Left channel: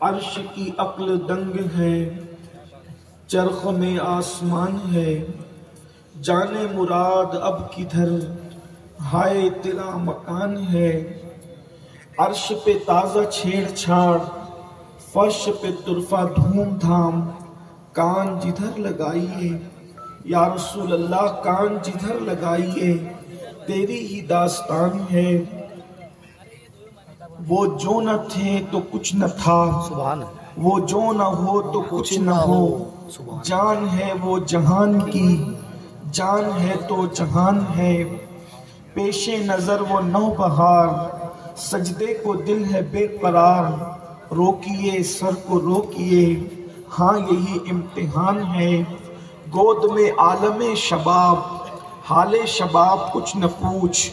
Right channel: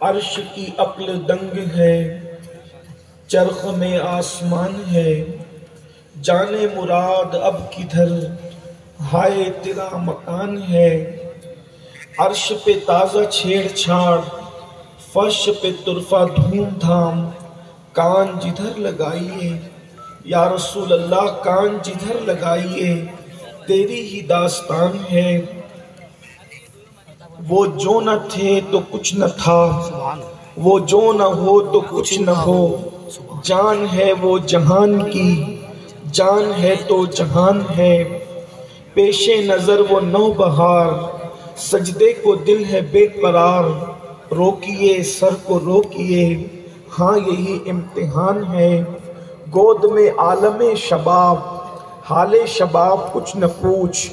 عرش کی عقل دنگ ہے، چرخ میں آسمان ہے، جانے مراد اب کدھر ہائے تیرا مکان ہے۔ عرش پہ تازہ چھیڑ چھاڑ، فرش پہ طرفہ دھوم دھام، کان جدھر لگائیے یا رسول اللہ، کان جدھر لگائیے تیری ہی داستان ہے۔ وہ جو نہ تھے تو کچھ نہ تھا، وہ جو نہ ہو تو کچھ نہ ہو، جان ہے وہ جہان کی، جان ہے تو جہان ہے۔ پیش نظر وہ نو بہار، سجدے کو دل ہے بے قرار، روکیے سر کو روکیے، ہاں یہی امتحان ہے۔ گود میں عالم شباب، حال شباب کچھ نہ پوچھ،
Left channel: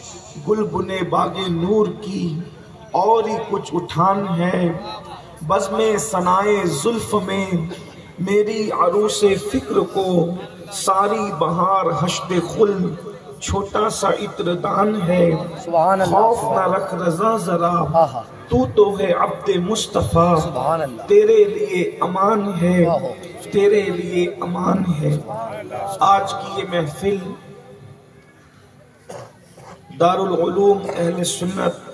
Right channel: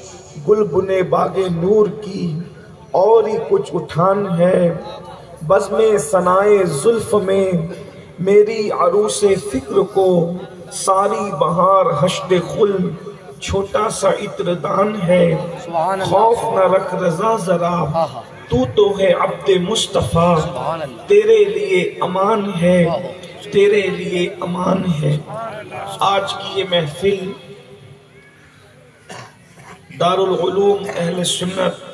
گل بنے باغ نور کی اور ہی کچھ اٹھان ہے۔ بزم ثنائے زلف میں میری عروس فکر کو، ساری بہار حشد خلد چھوٹا سا عطر دان ہے۔ خوف نہ رکھ رضا ذرا، تو ہے عبد مصطفیٰ، تیرے لیے امان ہے، تیرے لیے امان ہے۔ آج کی یہ محفل دارالعلوم اہل سنت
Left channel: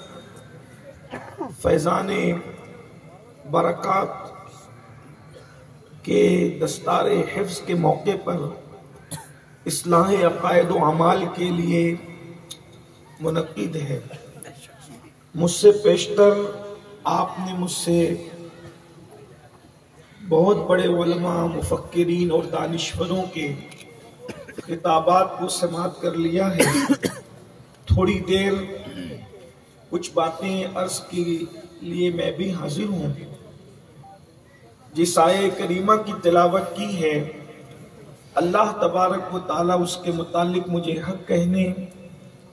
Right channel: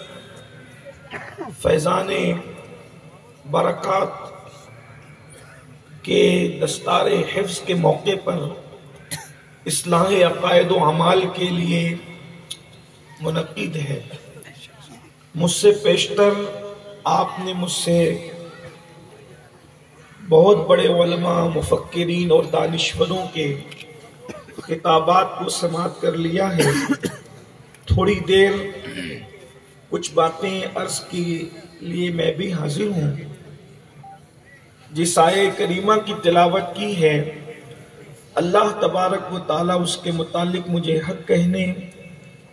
فیضان برکات کے دستار حفظ کے موقع پر اصلاح عقائد و اعمال کے لیے منعقد ہے۔ مجھ سے پیشتر آپ نے مجھ سے بہت بڑے علماء، مفکرین اور دانشوروں کے خطابات کو سماعت کر لیا ہے۔ تھوڑی دیر کچھ باتیں عرض کے لیے میں بھی حاضر ہوں۔ جس آیہ کریمہ کی تلاوت کی ہے، اللہ تبارک و تعالیٰ اس کے متعلق مجھے حق کہنے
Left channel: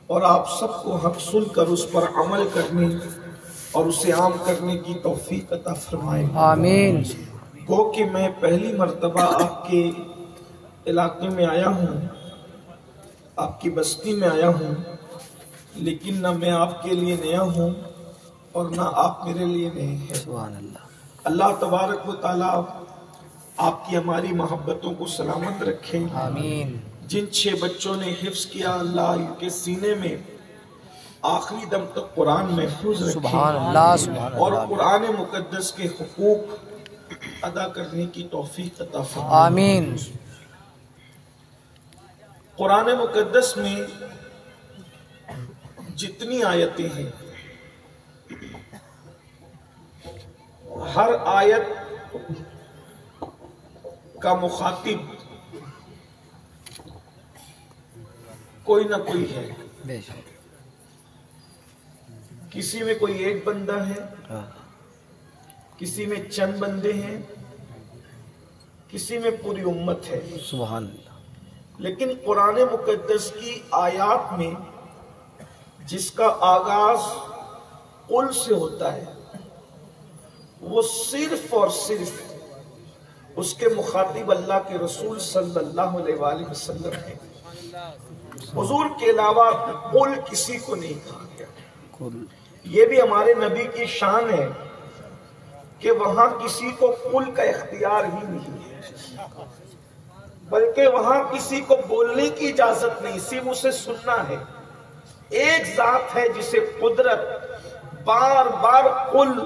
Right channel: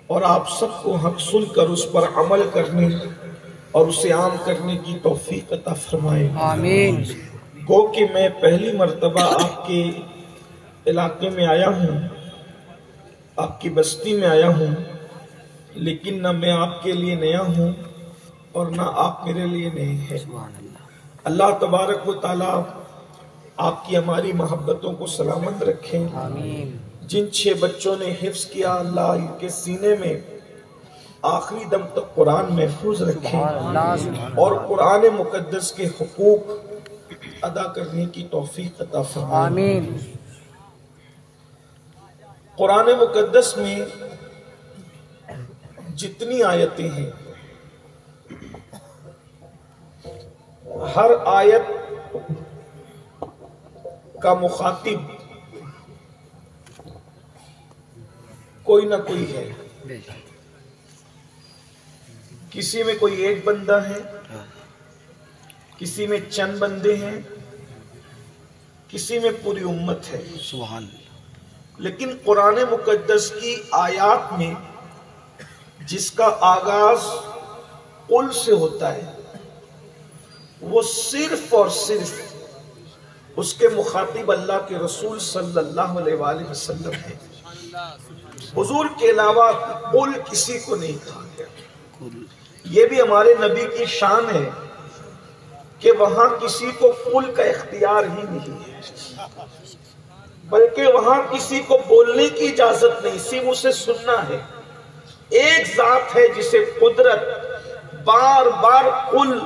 اور آپ سب کو حق سن کر اس پر عمل کرنے اور اسے عام کرنے کی توفیق عطا فرمائے۔ آمین۔ گو کہ میں پہلی مرتبہ آپ کے علاقے میں آیا ہوں، آپ کی بستی میں آیا ہوں، لیکن نہ میں آپ کے لیے نیا ہوں اور نہ آپ میرے لیے نئے ہیں۔ اللہ تبارک و تعالیٰ آپ کی ہماری محبتوں کو سلامت رکھے۔ آمین۔ جن 6 بچوں نے حفظ کیا، اللہ ان کے سینے میں آخری دم تک قرآن محفوظ رکھے اور قرآن مقدس کے حقوق ادا کرنے کی توفیق عطا فرمائے۔ آمین۔ قرآن مقدس میں جتنی آیتیں ہیں، ہر آیت کا مخاطب کوئی نہ کوئی ہے۔ کسی میں کوئی ایک بندہ ہے، کسی میں چند بندے ہیں، کسی میں پوری امت ہے۔ سبحان اللہ۔ لیکن قرآن مقدس کی آیات میں جس کا آغاز قل سے ہوتا ہے، وہ صرف اور صرف اس کے مخاطب اللہ کے رسول صلی اللہ علیہ وآلہ وسلم ہے۔ حضور کے علاوہ قل کسی کو نہیں کہا گیا۔ یہ بھی ہمارے نبی کی شان ہے کہ وہاں کسی کو قل کا اختیار ہی نہیں ہے، بلکہ وہاں کسی کو بولنے کی اجازت نہیں، صرف اسے سننا ہے۔ ایک ذات ہے جسے قدرت بار بار قل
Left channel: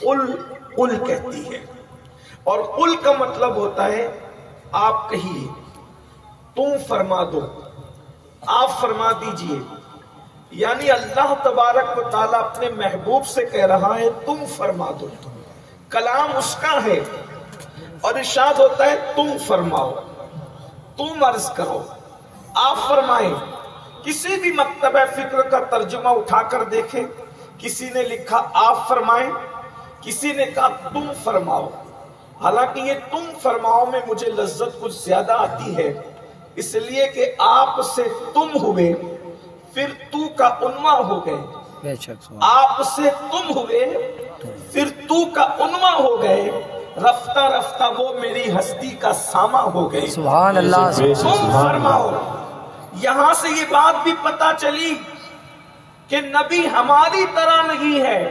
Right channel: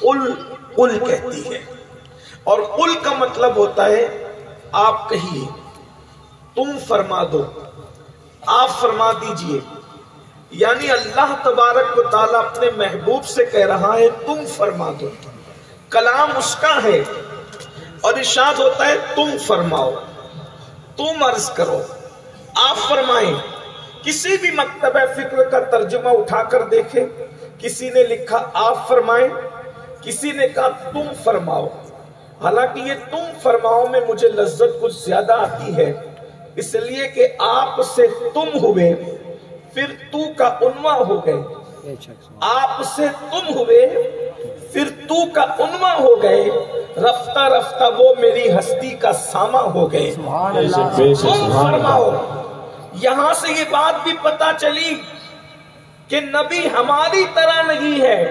قل قل کہتی ہے، اور قل کا مطلب ہوتا ہے آپ کہیے، تم فرما دو، آپ فرما دیجئے۔ یعنی اللہ تبارک و تعالیٰ اپنے محبوب سے کہہ رہا ہے تم فرما دو، کلام اس کا ہے، اور ارشاد ہوتا ہے تم فرماؤ، تم عرض کرو، آپ فرمائیں۔ کسی بھی مکتبہ فکر کا ترجمہ اٹھا کر دیکھیں، کسی نے لکھا آپ فرمائیں، کسی نے کہا تم فرماؤ۔ حالانکہ یہ تم فرماؤ میں مجھے لذت کچھ زیادہ آتی ہے، اس لیے کہ آپ سے تم ہوئے، پھر تو کا عنوان ہو گئے، آپ سے تم ہوئے، پھر تو کا عنوان ہو گئے، رفتہ رفتہ وہ میری ہستی کا ساما ہو گئے۔ سبحان اللہ۔ تم فرماؤ۔ یہاں سے یہ بات بھی پتا چلی کہ نبی ہماری طرح نہیں ہے،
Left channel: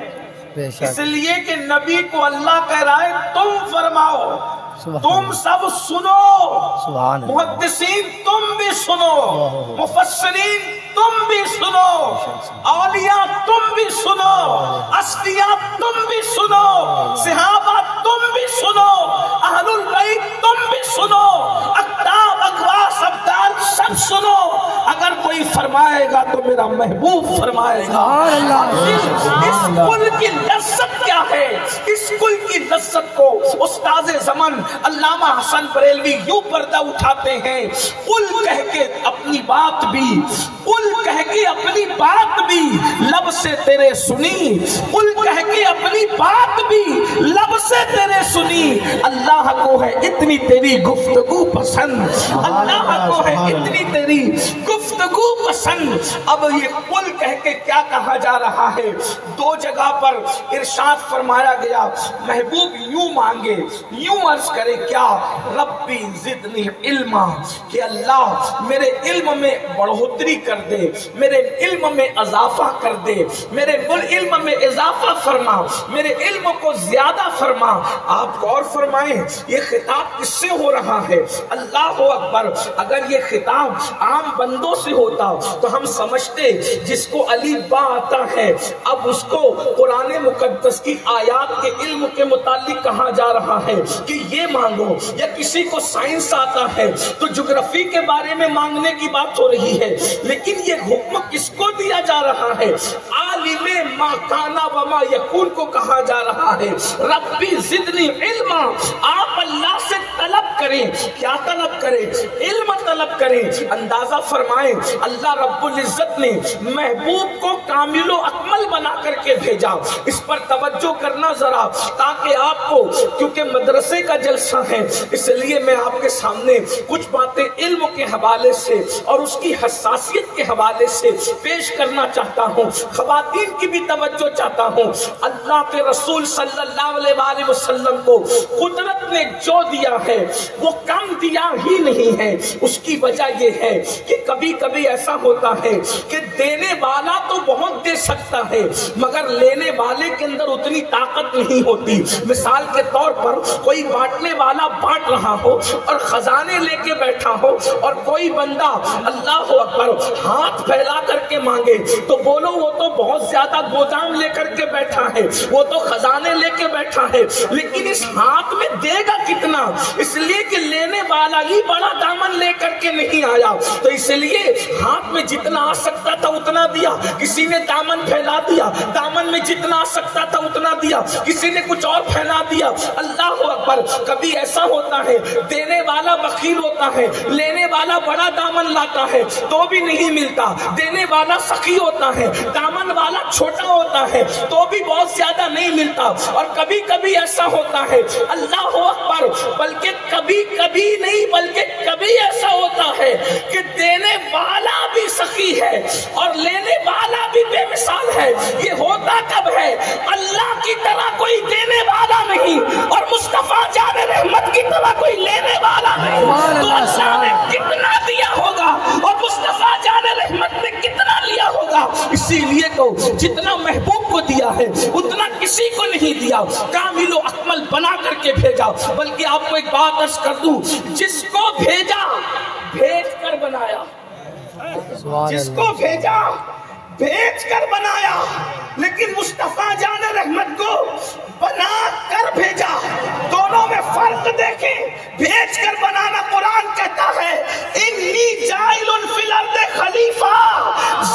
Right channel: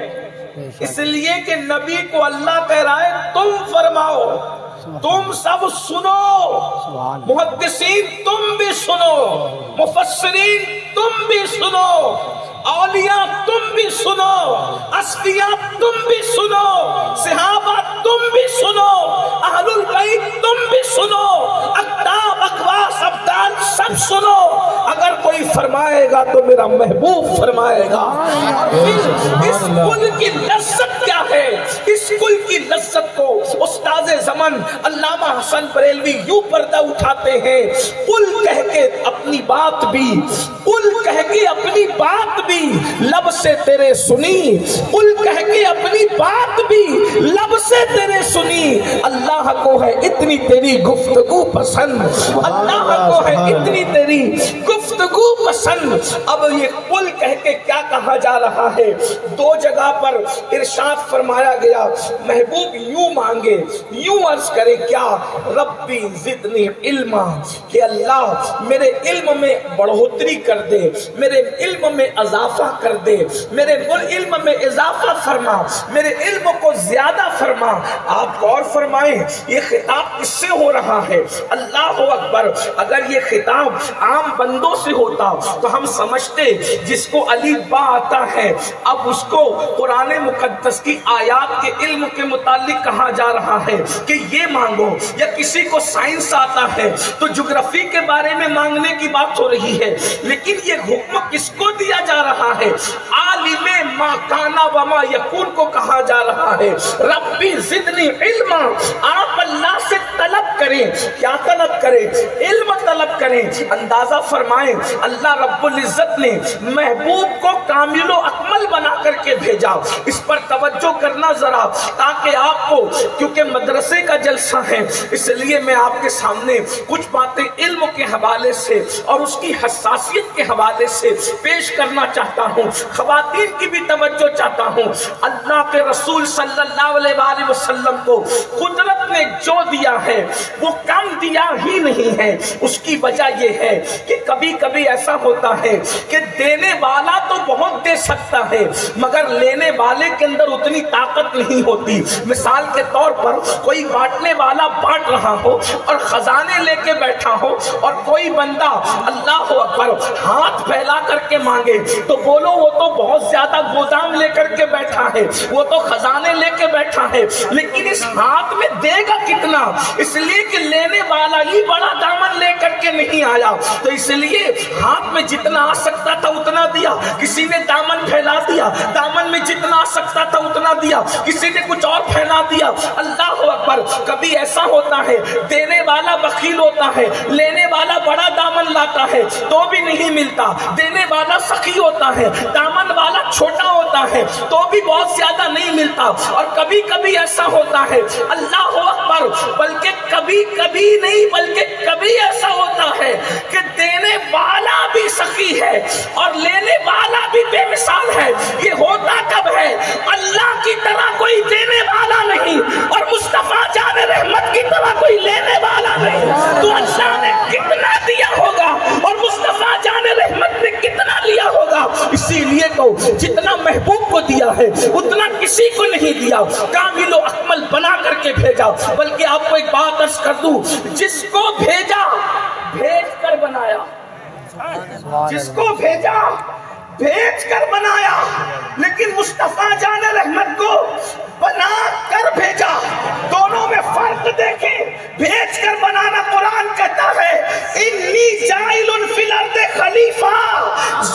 اس لیے کہ نبی کو اللہ کہہ رہا ہے تم فرماؤ، تم سب سنو، محدثین تم بھی سنو، مفسرین تم بھی سنو، اولیاء تم بھی سنو، اصفیاء تم بھی سنو، صحابہ تم بھی سنو، اہل البیت تم بھی سنو، اقطاب اقواس ابدال سب سنو۔ اگر کوئی فرمائے گا تو میرا محبوب فرمائے گا۔ اس کل کی لذت کیا ہے؟ اس کل کی لذت کو استاد زمن علامہ حسن بریلوی یوں پردہ اٹھاتے ہیں، قل کہہ کے اپنی بات بھی، قل کہہ کے اپنی بات بھی لب سے تیرے سنی، قل کہہ کے اپنی بات بھی لب سے تیرے سنی۔ اللہ کو ہے اتنی تیری گفتگو پسند، اللہ کو ہے اتنی تیری گفتگو پسند۔ اب یہ قل کہہ کے کیا کہا جا رہا ہے؟ دو جگہ پر ارشاد فرمایا گیا، محبوب یوں مانگے، یوں عرض کرے کیا؟ ربی زدنی علما، کہ اللہ میرے علم میں بڑھوتری کر دے، میرے علم میں اضافہ کر دے، میرے علم میں اضافہ فرما، میرے علم کو زیادہ فرما۔ آپ غور فرمائیں یہ خطاب کس سے ہو رہا ہے؟ اللہ اکبر۔ اگر یہ خطاب عام بندوں سے ہوتا تو ہم سمجھتے جس کو علی با آتا ہے اب اس کو قرآن مقدس کی آیات کے علم کے متعلق کہا جا رہا ہے کہ یہ مانگو، یا کسی کو سائنس آتا ہے تو جغرافی کے بارے میں مانگنے کی بات ہو رہی ہے۔ لیکن یہ حکم کس کو دیا جا رہا ہے؟ عالم ما کانا وما یکون کو کہا جا رہا ہے، ربی زدنی علما۔ آپ اللہ سے طلب کریں، کیا طلب کریں؟ علم طلب کریں۔ اندازہ فرمائیں اللہ رب العزت نے محبوب کو کامل و اکمل بنا کر کے بھیجا۔ اس پر توجہ کرنا ذرا، تاکہ آپ کو، کیونکہ مدرسے کا جلسہ ہے اس لیے میں آپ کے سامنے کچھ باتیں علم کے حوالے سے اور اس کی حساسیت کے حوالے سے پیش کرنا چاہتا ہوں۔ خواتین کی بھی توجہ چاہتا ہوں۔ اللہ کے رسول صلی اللہ علیہ وسلم کو قدرت نے جو دیا ہے وہ کم دیا ہی نہیں ہے۔ اس کی وجہ یہ ہے کہ کبھی کبھی ایسا ہوتا ہے کہ دینے والا تو بہت دے سکتا ہے مگر لینے والے کے اندر اتنی طاقت نہیں ہوتی۔ مثال کے طور پر کوئی بانٹنے والا بانٹ رہا ہو اور خزانے لے کے بیٹھا ہو، اور کوئی بندہ اللہ اکبر ہاتھ پھیلا کر کے مانگے تو بولو وہ تو بہت زیادہ گودام لے کر کے بیٹھا ہے، وہ تو خزانے لے کے بیٹھا ہے، لیکن اس ہاتھ میں دے گا کتنا؟ اس لیے کہ لینے والا ہی بڑا دامن لے کر کے نہیں آیا، تو اس لیے ہاتھ میں جتنا آ سکتا تھا اتنا دیا۔ کسی نے دامن پھیلا دیا، دامن میں جتنا آ سکتا تھا اتنا دیا، کسی نے کچھ اور پھیلا دیا۔ اللہ اکبر۔ کبھی ایسا ہوتا ہے دینے والا بخیل ہوتا ہے، لینے والا بڑا دامن لاتا ہے تو بھی نہیں ملتا، دینے والا سخی ہوتا ہے، دامن والا چھوٹا ہوتا ہے تو بھی بہت زیادہ نہیں ملتا۔ اور کبھی کبھی ایسا ہوتا ہے اللہ اکبر، بلکہ کبھی کبھی نہیں بلکہ کبھی ایسا ہوتا ہے کہ دینے والا بھی سخی ہے اور لینے والا بھی بے مثال ہے۔ یہ ہوتا کب ہے؟ اللہ کی طرح کوئی دینے والا نہیں اور مصطفیٰ جان رحمت کی طرح کوئی لینے والا نہیں، تو اللہ نے کتنا دیا ہوگا اور مصطفیٰ جان رحمت نے کتنا لیا ہوگا۔ اسی لیے تو جتنا محبوب کو دیا ہے اتنا کسی کو نہیں دیا، کامل و اکمل بنا کر کے بھیجا۔ بلکہ آپ کو ایک بات عرض کر دوں، جس کو بھیجا بھیج کر بنایا، جس کو بھیجا بھیج کر بنایا، لیکن مصطفیٰ جان رحمت کو بنا کر بھیجا۔ دونوں میں فرق دیکھیں۔ بھیج کر بنانا قرآن کہتا ہے انی جاعل فی الارض خلیفہ،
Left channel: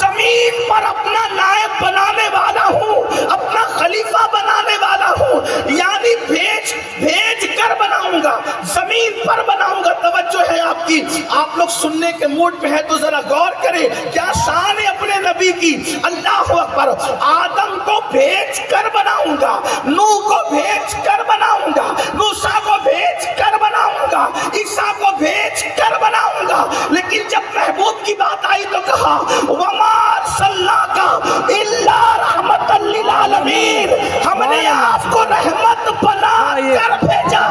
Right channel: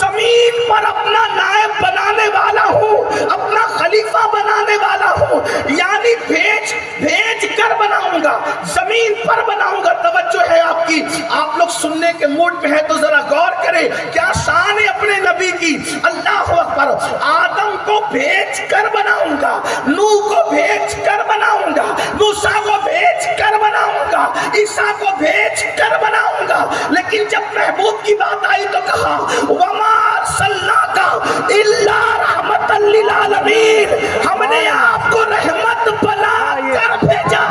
زمین پر اپنا نائب بنانے والا ہوں، اپنا خلیفہ بنانے والا ہوں، یعنی بھیج کر بناؤں گا، زمین پر بناؤں گا۔ توجہ ہے آپ کی، آپ لوگ سننے کے موڈ میں ہے تو ذرا غور کریں کیا شان ہے اپنے نبی کی۔ اللہ اکبر۔ آدم کو بھیج کر بناؤں گا، نوح کو بھیج کر بناؤں گا، موسیٰ کو بھیج کر بناؤں گا، عیسیٰ کو بھیج کر بناؤں گا۔ لیکن جب محبوب کی بات آئی تو کہا وما ارسلناک الا رحمت للعالمین، ہم نے آپ کو رحمت بنا کر بھیجا۔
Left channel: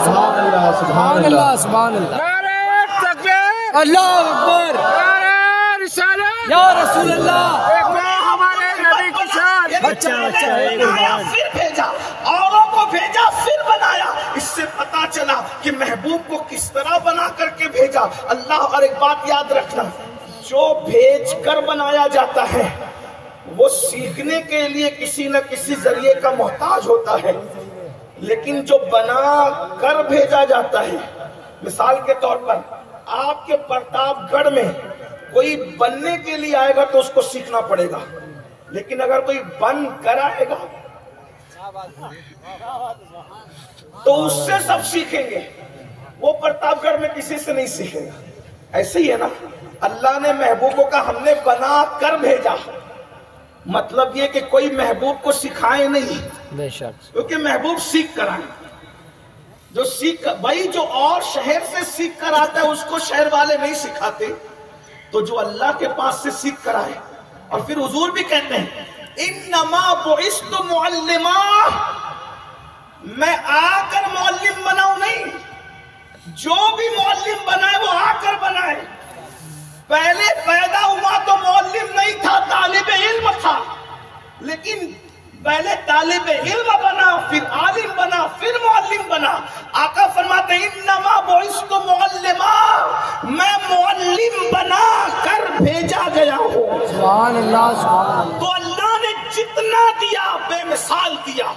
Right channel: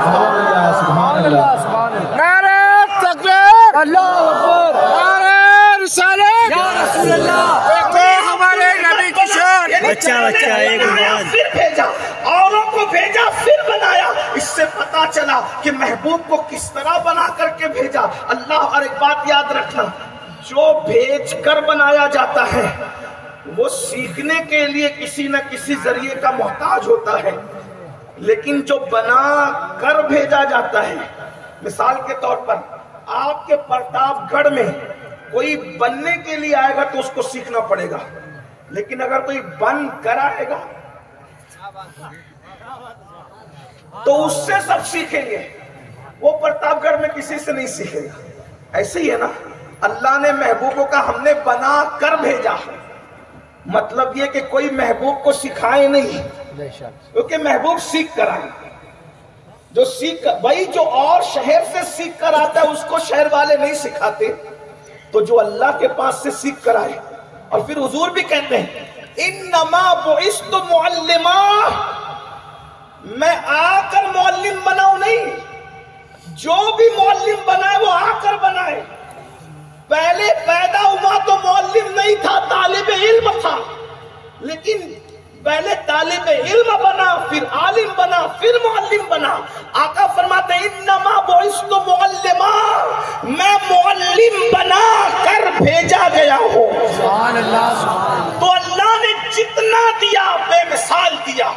سبحان اللہ، سبحان اللہ، نعرہ تکبیر، اللہ اکبر، نعرہ رسالت یا رسول اللہ۔ دیکھو ہمارے نبی کی شان، پھر بھیجا، اوروں کو بھیجا پھر بنایا. اس سے پتا چلا کہ محبوب کو کس طرح بنا کر کے بھیجا اللہ. اور ایک بات یاد رکھنا، جو بھیج کر بنایا جاتا ہے وہ سیکھنے کے لیے کسی نہ کسی ذریعے کا محتاج ہوتا ہے، لیکن جو بنا کر بھیجا جاتا ہے، مثال کے طور پر آپ کے پرتاپ گڑھ میں کوئی بننے کے لیے آئے گا تو اس کو سیکھنا پڑے گا، لیکن اگر کوئی بن کر آئے گا تو اس سے سب سیکھیں گے، وہ پرتاپ گڑھ میں کسی سے نہیں سیکھے گا. ایسے ہی ہے نا، اللہ نے محبوبوں کا ہم نے بنا کر بھیجا، مطلب یہ کہ کوئی محبوب کو سکھائے نہیں، کیونکہ محبوب سیکھ کر آئے. جو سیکھ بھائی جو اور شہر سے سیکھ کر آتا ہے اس کو شہر والے نہیں سکھاتے، تو جو اللہ کے پاس سے سیکھ کر آئے. اور پھر حضور بھی کہتے ہیں انما بعثت معلما، میں آ کر معلم بناؤں نہیں، جو بھی معلم بنائے وہ آ کر بنائے. پہلے پیدا ہوا تو معلم نہیں تھا، طالب علم تھا، لیکن پہلے طالب علم بنا، پھر عالم بنا، پھر معلم بنا. آقا فرماتے ہیں انما بعثت معلما، میں معلم بنا کر بھیجا گیا ہوں. سبحان اللہ. تو اللہ نے جتنا دیا بے مثال دیا،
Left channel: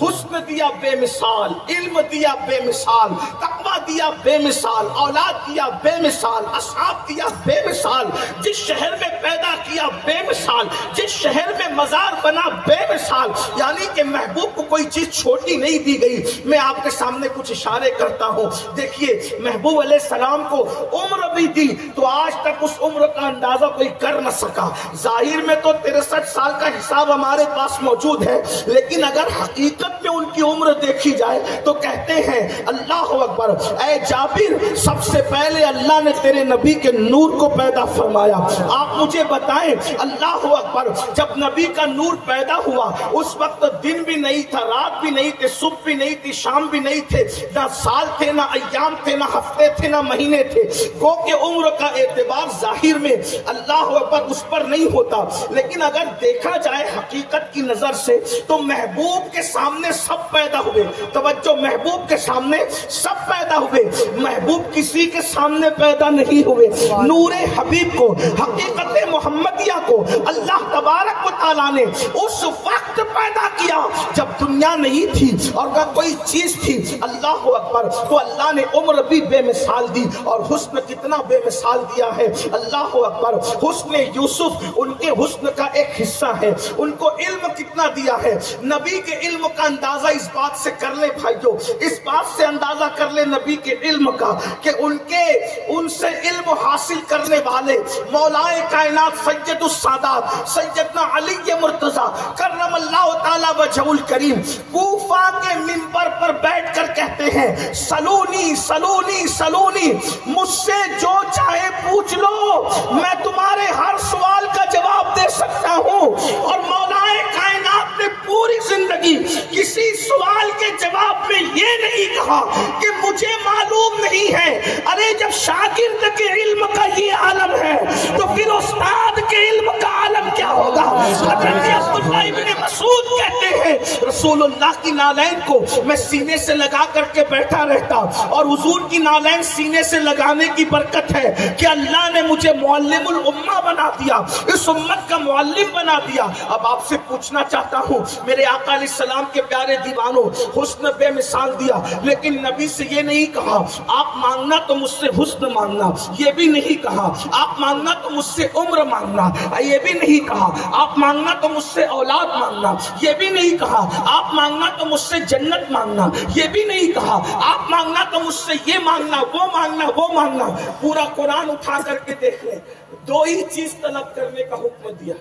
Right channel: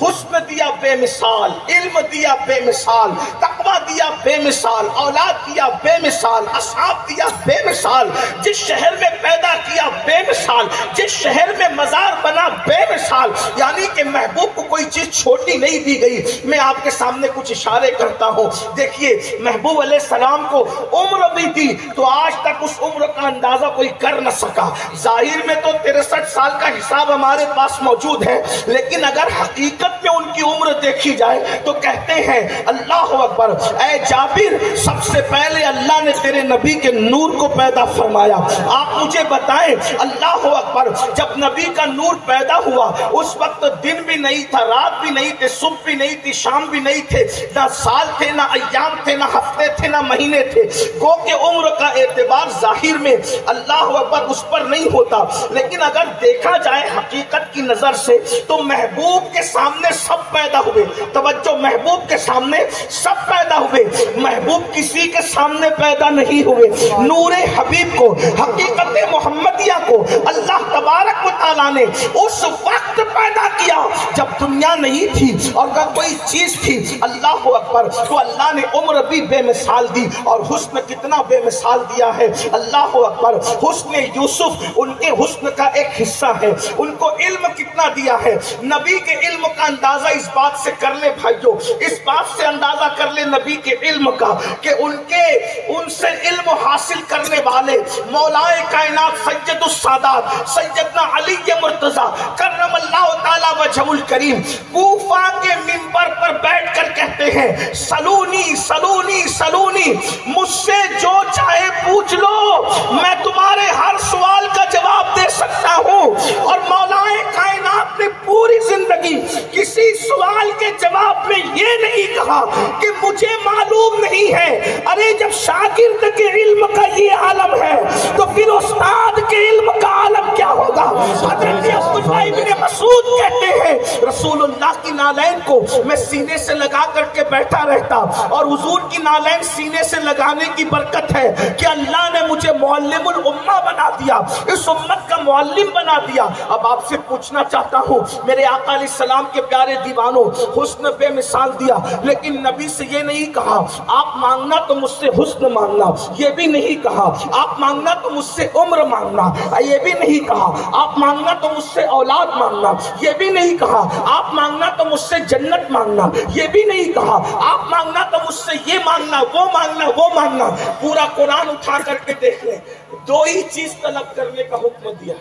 حسن دیا بے مثال، علم دیا بے مثال، تقویٰ دیا بے مثال، اولاد دیا بے مثال، اصحاب دیا بے مثال، جس شہر میں پیدا کیا بے مثال، جس شہر میں مزار بنا بے مثال. یعنی کہ محبوب کو کوئی چیز چھوٹی نہیں دی گئی. میں آپ کے سامنے کچھ اشارے کرتا ہوں. دیکھیے محبوب علیہ السلام کو عمر بھی دی تو آج تک اس عمر کا اندازہ کوئی کر نہ سکا. ظاہر میں تو 63 سال کا حساب ہمارے پاس موجود ہے، لیکن اگر حقیقت میں ان کی عمر دیکھی جائے تو کہتے ہیں اللہ اکبر، اے جابر سب سے پہلے اللہ نے تیرے نبی کے نور کو پیدا فرمایا. آپ مجھے بتائیں اللہ اکبر، جب نبی کا نور پیدا ہوا اس وقت دن بھی نہیں تھا، رات بھی نہیں تھے، صبح بھی نہیں تھی، شام بھی نہیں تھے، نہ سال تھے، نہ ایام تھے، نہ ہفتے تھے، نہ مہینے تھے. گو کہ عمر کا اعتبار ظاہر میں اللہ اکبر اس پر نہیں ہوتا، لیکن اگر دیکھا جائے حقیقت کی نظر سے تو محبوب کے سامنے سب پیدا ہوئے. توجہ، محبوب کے سامنے سب پیدا ہوئے، محبوب کسی کے سامنے پیدا نہیں ہوئے. نور حبیب کو، حقیقت محمدیہ کو اللہ تبارک و تعالیٰ نے اس وقت پیدا کیا جب دنیا نہیں تھی اور نہ کوئی چیز تھی. اللہ اکبر. تو اللہ نے عمر بھی بے مثال دی اور حسن کتنا بے مثال دیا ہے. اللہ اکبر. حسن یوسف ان کے حسن کا ایک حصہ ہے. ان کو علم کتنا دیا ہے. نبی کے علم کا اندازہ اس بات سے کر لے بھائیو، اس بات سے اندازہ کر لے نبی کے علم کا کہ ان سے علم حاصل کرنے والے مولائے کائنات سید السادات سیدنا علی مرتضیٰ کرم اللہ تعالی وجہ الکریم کوفہ کے منبر پر بیٹھ کر کہتے ہیں سلونی سلونی سلونی، مجھ سے جو چاہے پوچھ لو، میں تمہارے ہر سوال کا جواب دے سکتا ہوں. اور مولائے کائنات نے پوری زندگی کسی سوال کے جواب میں یہ نہیں کہا کہ مجھے معلوم نہیں ہے. ارے جب شاگرد کے علم کا یہ عالم ہے تو پھر استاد کے علم کا عالم کیا ہوگا. حضرت عبداللہ ابن مسعود کہتے ہیں رسول اللہ کی نالین کو میں سینے سے لگا کر کے بیٹھا رہتا، اور حضور کی نالین سینے سے لگانے کی برکت ہے کہ اللہ نے مجھے معلم الامہ بنا دیا، اس امت کا معلم بنا دیا. اب آپ سے پوچھنا چاہتا ہوں میرے آقا علیہ السلام کے پیارے دیوانوں، حسن بے مثال دیا، لیکن نبی سے یہ نہیں کہا آپ مانگنا تو مجھ سے حسن مانگنا، یہ بھی نہیں کہا آپ مانگنا تو مجھ سے عمر مانگنا، یہ بھی نہیں کہا آپ مانگنا تو مجھ سے اولاد مانگنا، یہ بھی نہیں کہا آپ مانگنا تو مجھ سے جنت مانگنا، یہ بھی نہیں کہا آپ مانگنا تو مجھ سے یہ مانگنا وہ مانگنا وہ مانگنا. پورا قرآن اٹھا کر کے دیکھ لیں، دو ہی چیز طلب کرنے کا حکم دیا،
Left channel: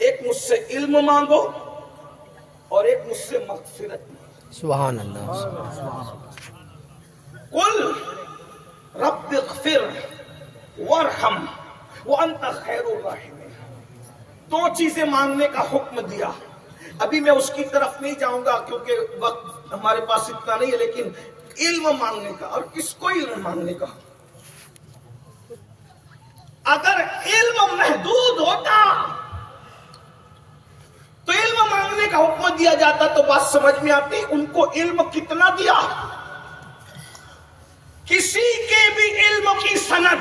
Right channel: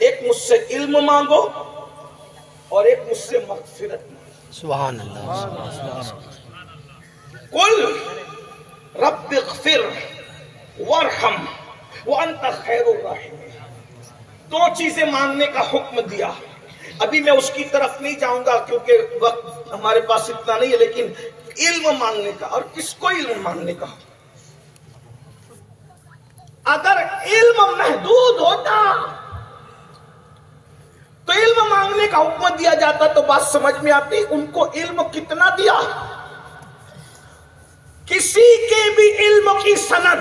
ایک مجھ سے علم مانگو اور ایک مجھ سے مغفرت مانگو. سبحان اللہ. قل رب اغفر وارحم وانت خیر الراحمین. دو چیزیں مانگنے کا حکم دیا. ابھی میں اس کی طرف نہیں جاؤں گا کیونکہ وقت ہمارے پاس اتنا نہیں ہے، لیکن علم مانگنے کا. اور کس کو علم مانگنے کا؟ اگر علم محدود ہوتا تو علم مانگنے کا حکم دیا جاتا تو بات سمجھ میں آتی. ان کو علم کتنا دیا؟ کسی کے بھی علم کی سند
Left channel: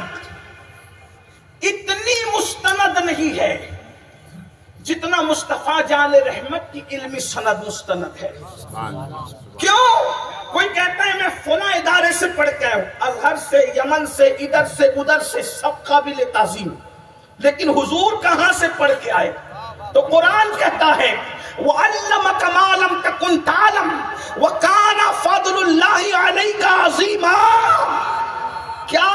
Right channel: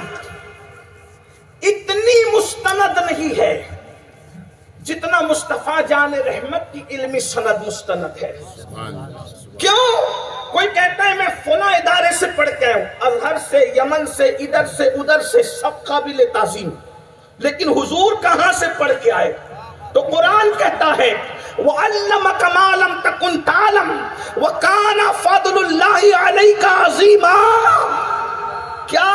اتنی مستند نہیں ہے جتنا مصطفیٰ جان رحمت کی علمی سند مستند ہے. کیوں؟ کوئی کہتا ہے میں فلاں ادارے سے پڑھ کے آیا ہوں، ازہر سے، یمن سے، ادھر سے ادھر سے، سب قابل تعظیم، لیکن حضور کہاں سے پڑھ کے آئے؟ تو قرآن کہتا ہے وَعَلَّمَكَ مَا لَمْ تَكُنْ تَعْلَمْ وَكَانَ فَضْلُ اللَّهِ عَلَيْكَ عَظِيمًا. کیا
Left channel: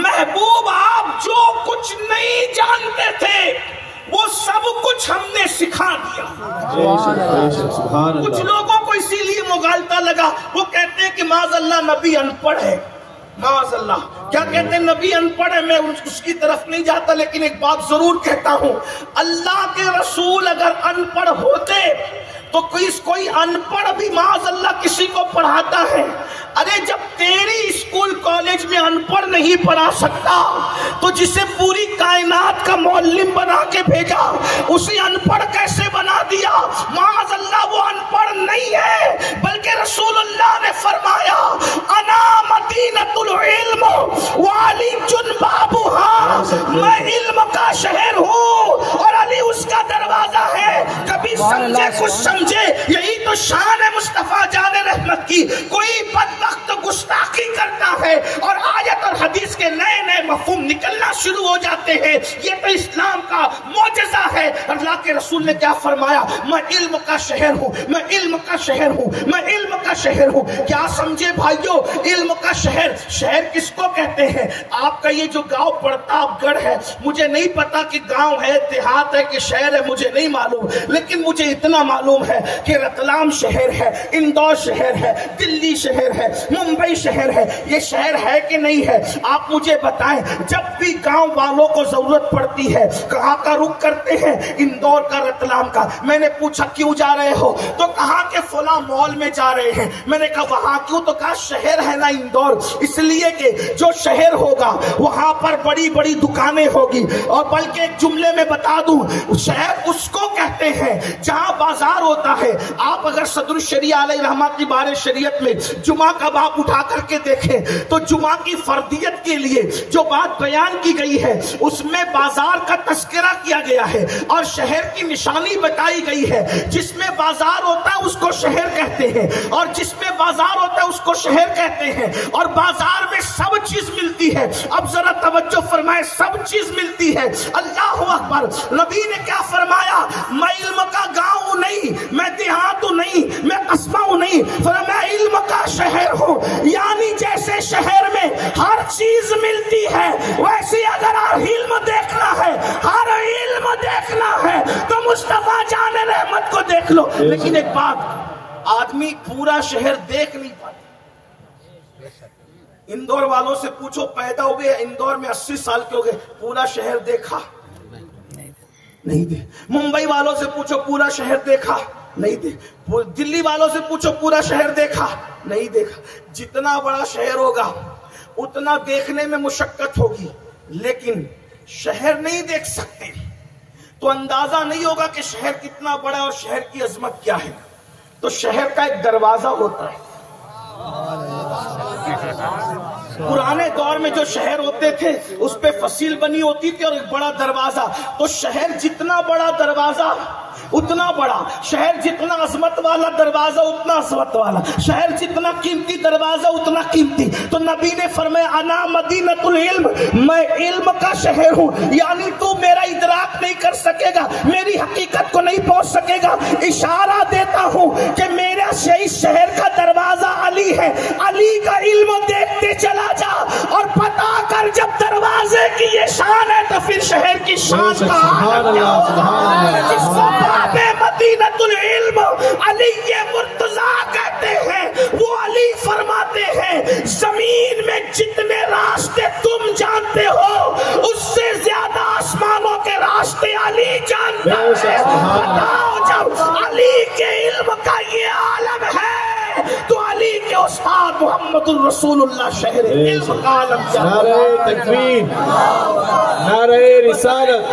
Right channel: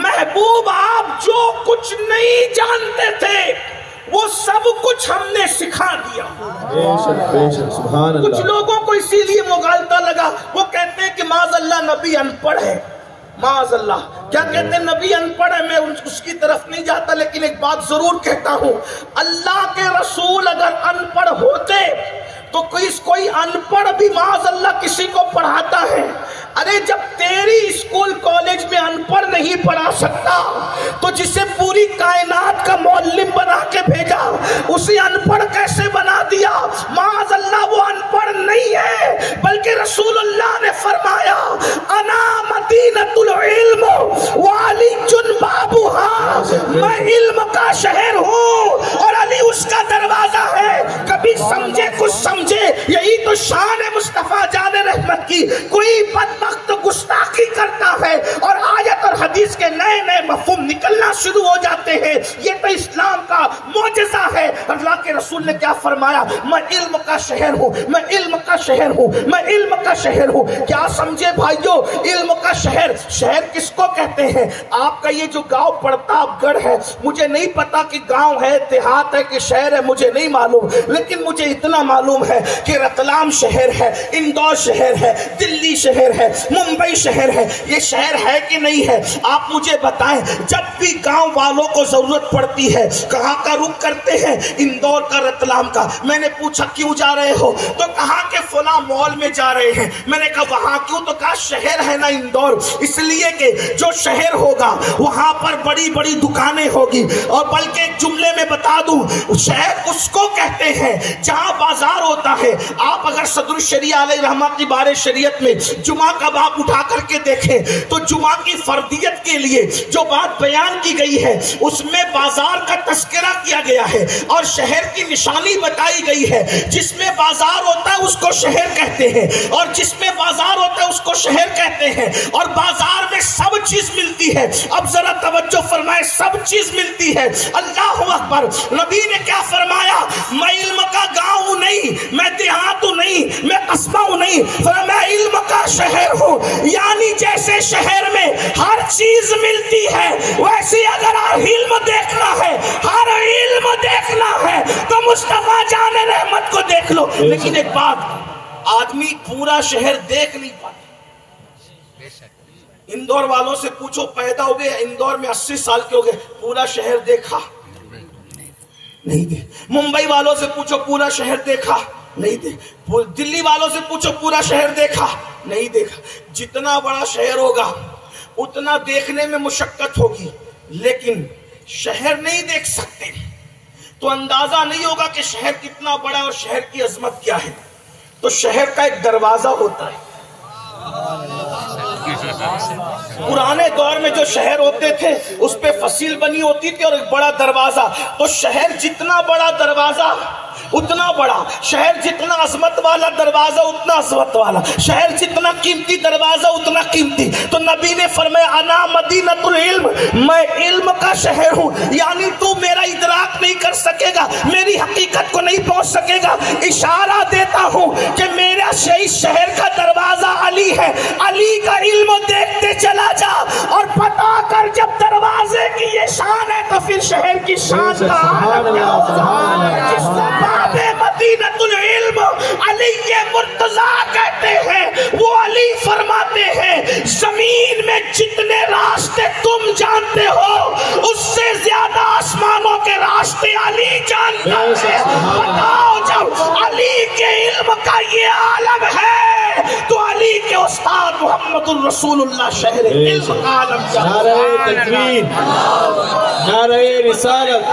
محبوب آپ جو کچھ نہیں جانتے تھے وہ سب کچھ ہم نے سکھا دیا. کچھ لوگوں کو اسی لیے مغالطہ لگا، وہ کہتے ہیں کہ معاذ اللہ نبی ان پڑھ ہے. معاذ اللہ کیا کہتے ہیں؟ نبی ان پڑھ ہے. میں اس کی طرف نہیں جاتا، لیکن ایک بات ضرور کہتا ہوں، اللہ کے رسول اگر ان پڑھ ہوتے تو کوئی ان پڑھ بھی معاذ اللہ کسی کو پڑھاتا ہے. ارے جب تیری اسکول کالج میں ان پڑھ نہیں پڑھا سکتا تو جسے پوری کائنات کا معلم بنا کے بھیجا اسے ان پڑھ کیسے بنا دیا؟ معاذ اللہ وہ ان پڑھ نہیں ہے، بلکہ رسول اللہ نے فرمایا انا مدینۃ العلم وعلی بابھا، میں علم کا شہر ہوں اور علی اس کا دروازہ ہے. کبھی سمجھے کچھ سمجھے، یہی تو شان ہے مصطفیٰ جان رحمت کی. کوئی بدبخت گستاخی کرتا ہے اور آیت اور حدیث کے نئے نئے مفہوم نکلنا شروع ہو جاتے ہیں. یہ تو اسلام کا معجزہ ہے. اللہ کے رسول نے کیا فرمایا؟ میں علم کا شہر ہوں، میں علم کا شہر ہوں، میں علم کا شہر ہوں. کیا سمجھے بھائیو؟ علم کا شہر، شہر کس کو کہتے ہیں؟ آپ کا یہ جو گاؤں پرتاپ گڑھ ہے، مجھے نہیں پتا کہ گاؤں ہے، دیہات ہے کہ شہر ہے، مجھے نہیں معلوم، لیکن مجھے اتنا معلوم ہے کہ رتلام شہر ہے، اندور شہر ہے، دلی شہر ہے، ممبئی شہر ہے. یہ شہر ہے کہ نہیں ہے؟ آپ مجھے بتائیں. جب بھی گاؤں والوں کو ضرورت پڑتی ہے کہاں کا رخ کرتے ہیں؟ اندور کا، رتلام کا. میں نے پوچھا کیوں جا رہے ہو؟ تو کہا کہ فلاں مال میں جا رہے ہیں. میں نے کہا وہاں کیوں؟ تو کہا شہر ہے نا اندور، اس لیے کہ جو شہر ہوگا وہاں پر بڑی بڑی دکانیں ہوگی. اور بلکہ ایک جملے میں بتا دوں، شہر اس کو کہتے ہیں جہاں بازار ہوتا ہے. آپ اگر صدر الشریعہ علیہ رحمت کی بار شریعت میں جمعہ کا باب اٹھا کر کے دیکھیں تو جمعہ کی فردیت کے لیے جو بات بیان کی گئی ہے اس میں بازار کا تذکرہ کیا گیا ہے اور شہر کی نشانی بتائی گئی ہے. جس میں بازار ہوتا ہے اس کو شہر کہتے ہیں، اور جس میں بازار ہوتا ہے اس کو شہر کہتے ہیں. اور بازار میں سب چیز ملتی ہے. اب ذرا توجہ فرمائے، سب چیز ملتی ہے. اللہ اکبر. نبی نے کیا فرمایا؟ میں علم کا گاؤں نہیں، میں دیہات ہوں نہیں، میں قصبہ ہوں نہیں، میں علم کا شہر ہوں. یعنی جیسے شہر میں ہر چیز ملتی ہے ویسے اگر علم دیکھنا ہے، ہر علم دیکھنا ہے تو مصطفیٰ جان رحمت کو دیکھ لو. لیکن ایک بات، آدمی پورا شہر دیکھ نہیں پاتا. اندور والوں سے پوچھو، پیدا ہو گئے اندور میں 80 سال کے ہو گئے، پورا شہر دیکھا نہیں دے. ممبئی والوں سے پوچھو پورا شہر دیکھا نہیں دے. دلی والوں سے پوچھو پورا شہر دیکھا نہیں دیکھا. جتنا بڑا شہر ہوگا اتنا دیکھنے میں مشقت ہوگی، لیکن شہر نہیں دیکھ سکتے تو اندازہ نہیں ہوگا کہ شہر کتنا بڑا اور شہر کی عظمت کیا ہے. تو شہر کا ایک دروازہ ہوتا ہے. پرانے دور میں جو شہر ہوتے تھے اس پہ فصیل بنی ہوتی تھی اور ایک بڑا دروازہ. تو شہر جتنا بڑا دروازہ اتنا بڑا، شہر جتنا عظمت والا دروازہ اتنا عظمت والا، شہر جتنا قیمتی دروازہ اتنا قیمتی. تو نبی نے فرمایا انا مدینۃ العلم، میں علم کا شہر ہوں. یعنی تو میرا ادراک نہیں کر سکے گا، میری حقیقت کو نہیں پہنچ سکے گا. اشارہ دیتا ہوں کہ میرا شہر کا دروازہ علی ہے. علی کا علم دیکھتے چلا جا اور پتا کر جب دروازے کی یہ شان ہے تو پھر شہر کی شان مدینۃ العلم علی مرتضیٰ کہتے ہیں. وہ علی فرماتے ہیں زمین میں جتنے راستے تم جانتے ہو اس سے زیادہ آسمانوں کے راستے علی جانتا ہے. بتاؤ جب علی کے علم کا یہ عالم ہے تو علی کے استاد محمد الرسول اللہ شہر علم کا عالم. نعرہ تکبیر، نعرہ رسالت.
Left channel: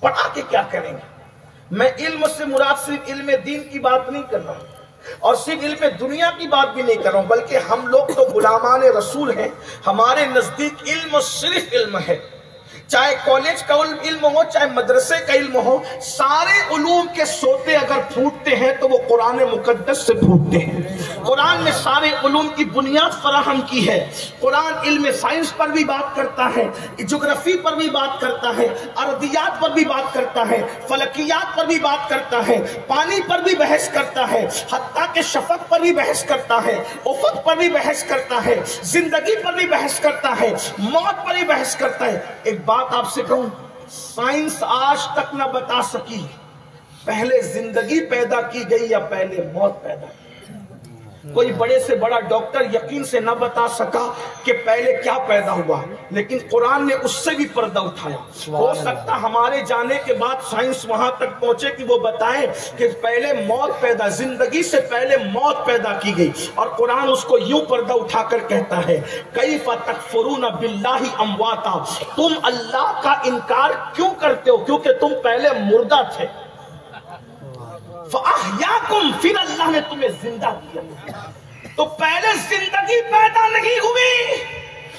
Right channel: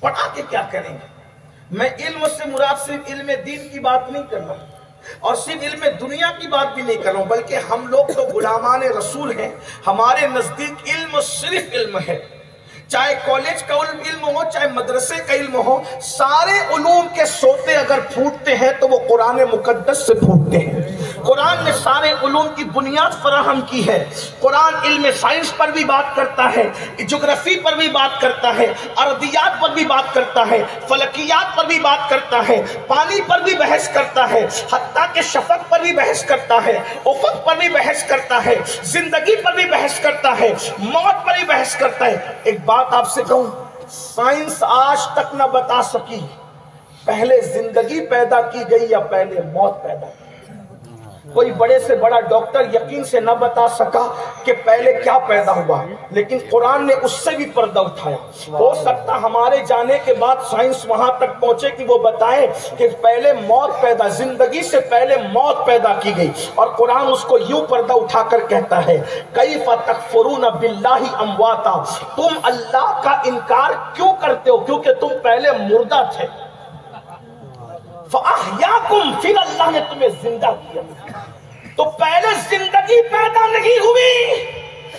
پڑھا کے کیا کریں گے؟ میں علم سے مراد صرف علم دین کی بات نہیں کر رہا ہوں اور صرف علم دنیا کی بات بھی نہیں کر رہا ہوں، بلکہ ہم لوگ تو غلامان رسول ہیں، ہمارے نزدیک علم صرف علم ہے، چاہے کالج کا علم ہو، چاہے مدرسے کا علم ہو، سارے علوم کے سوتے اگر پھوٹتے ہیں تو وہ قرآن مقدس سے پھوٹتے ہیں۔ قرآن نے سارے علوم کی بنیاد فراہم کی ہے۔ قرآن علم سائنس پر بھی بات کرتا ہے، جغرافی پر بھی بات کرتا ہے، ارضیات پر بھی بات کرتا ہے، فلکیات پر بھی بات کرتا ہے، پانی پر بھی بحث کرتا ہے، حتیٰ کہ شفق پر بھی بحث کرتا ہے، افق پر بھی بحث کرتا ہے، زندگی پر بھی بحث کرتا ہے، موت پر بھی بحث کرتا ہے۔ ایک بات آپ سے کہوں، سائنس آج تک نہ بتا سکی پہلے زندگی پیدا کی گئی یا پہلے موت پیدا کی۔ کوئی بڑے سے بڑا ڈاکٹر یقین سے نہ بتا سکا کہ پہلے کیا پیدا ہوا، لیکن قرآن نے اس سے بھی پردہ اٹھایا۔ ہو سکتا ہمارے جانے کے بعد سائنس وہاں تک پہنچے کہ وہ بتائے کہ پہلے موت پیدا، زندگی سے پہلے موت پیدا کی گئی، اور قرآن اس کو یوں پردہ اٹھا کر کہتا ہے کیف تکفرون باللہ امواتا، تم اللہ کا انکار کیوں کرتے ہو؟ کیونکہ تم پہلے مردہ تھے، فَأَحْيَاكُمْ، پھر اللہ نے تمہیں زندہ کیا۔ تو پہلے زندگی پیدا نہیں ہوئی،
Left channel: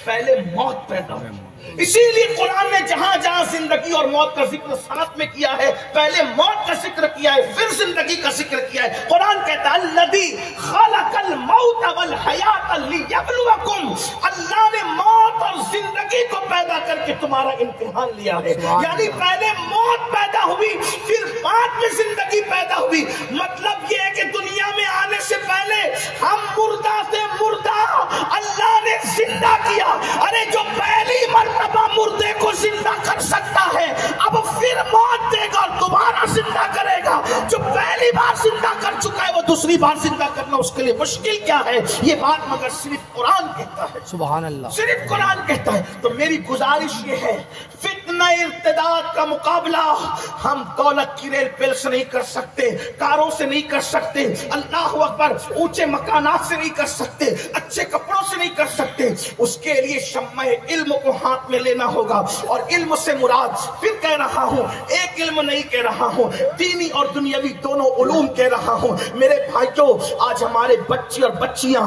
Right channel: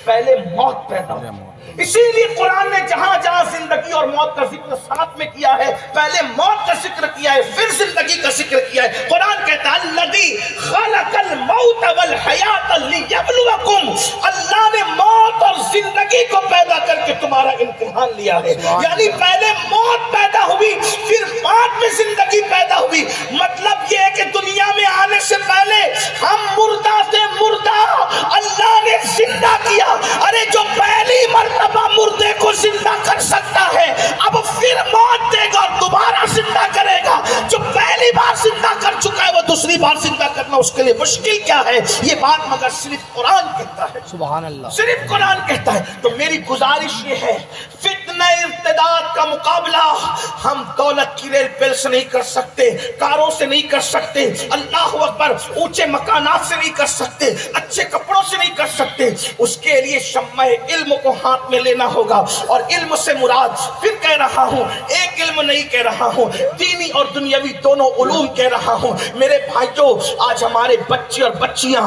پہلے موت پیدا ہوئی۔ اسی لیے قرآن نے جہاں جہاں زندگی اور موت کا ذکر ساتھ میں کیا ہے، پہلے موت کا ذکر کیا ہے، پھر زندگی کا ذکر کیا ہے۔ قرآن کہتا ہے الذی خلق الموت والحیات لیبلوکم، اللہ نے موت اور زندگی کو پیدا کر کے تمہارا امتحان لیا ہے۔ یعنی پہلے موت پیدا ہوئی، پھر بعد میں زندگی پیدا ہوئی۔ مطلب یہ ہے کہ دنیا میں آنے سے پہلے ہم مردہ تھے، مردہ اللہ نے زندہ کیا۔ ارے جو پہلی مرتبہ مردے کو زندہ کر سکتا ہے، اب پھر موت دے گا اور دوبارہ زندہ کرے گا۔ جو پہلی بار زندہ کر چکا ہے وہ دوسری بار زندہ کرنا اس کے لیے مشکل کیا ہے؟ یہ بات مگر صرف قرآن کہتا ہے، سبحان اللہ، صرف قرآن کہتا ہے۔ تو میری گزارش یہ ہے، فتنہ ارتداد کا مقابلہ ہم دولت کی ریل پیل سے نہیں کر سکتے، کاروں سے نہیں کر سکتے، اللہ اکبر، اونچے مکانات سے نہیں کر سکتے، اچھے کپڑوں سے نہیں کر سکتے۔ اس کے لیے شمع علم کو ہاتھ میں لینا ہوگا، اور علم سے مراد پھر کہہ رہا ہوں، ایک علم نہیں کہہ رہا ہوں، دینی اور دنیاوی دونوں علوم کہہ رہا ہوں۔ میرے بھائیوں، آج ہمارے بچے اور بچیاں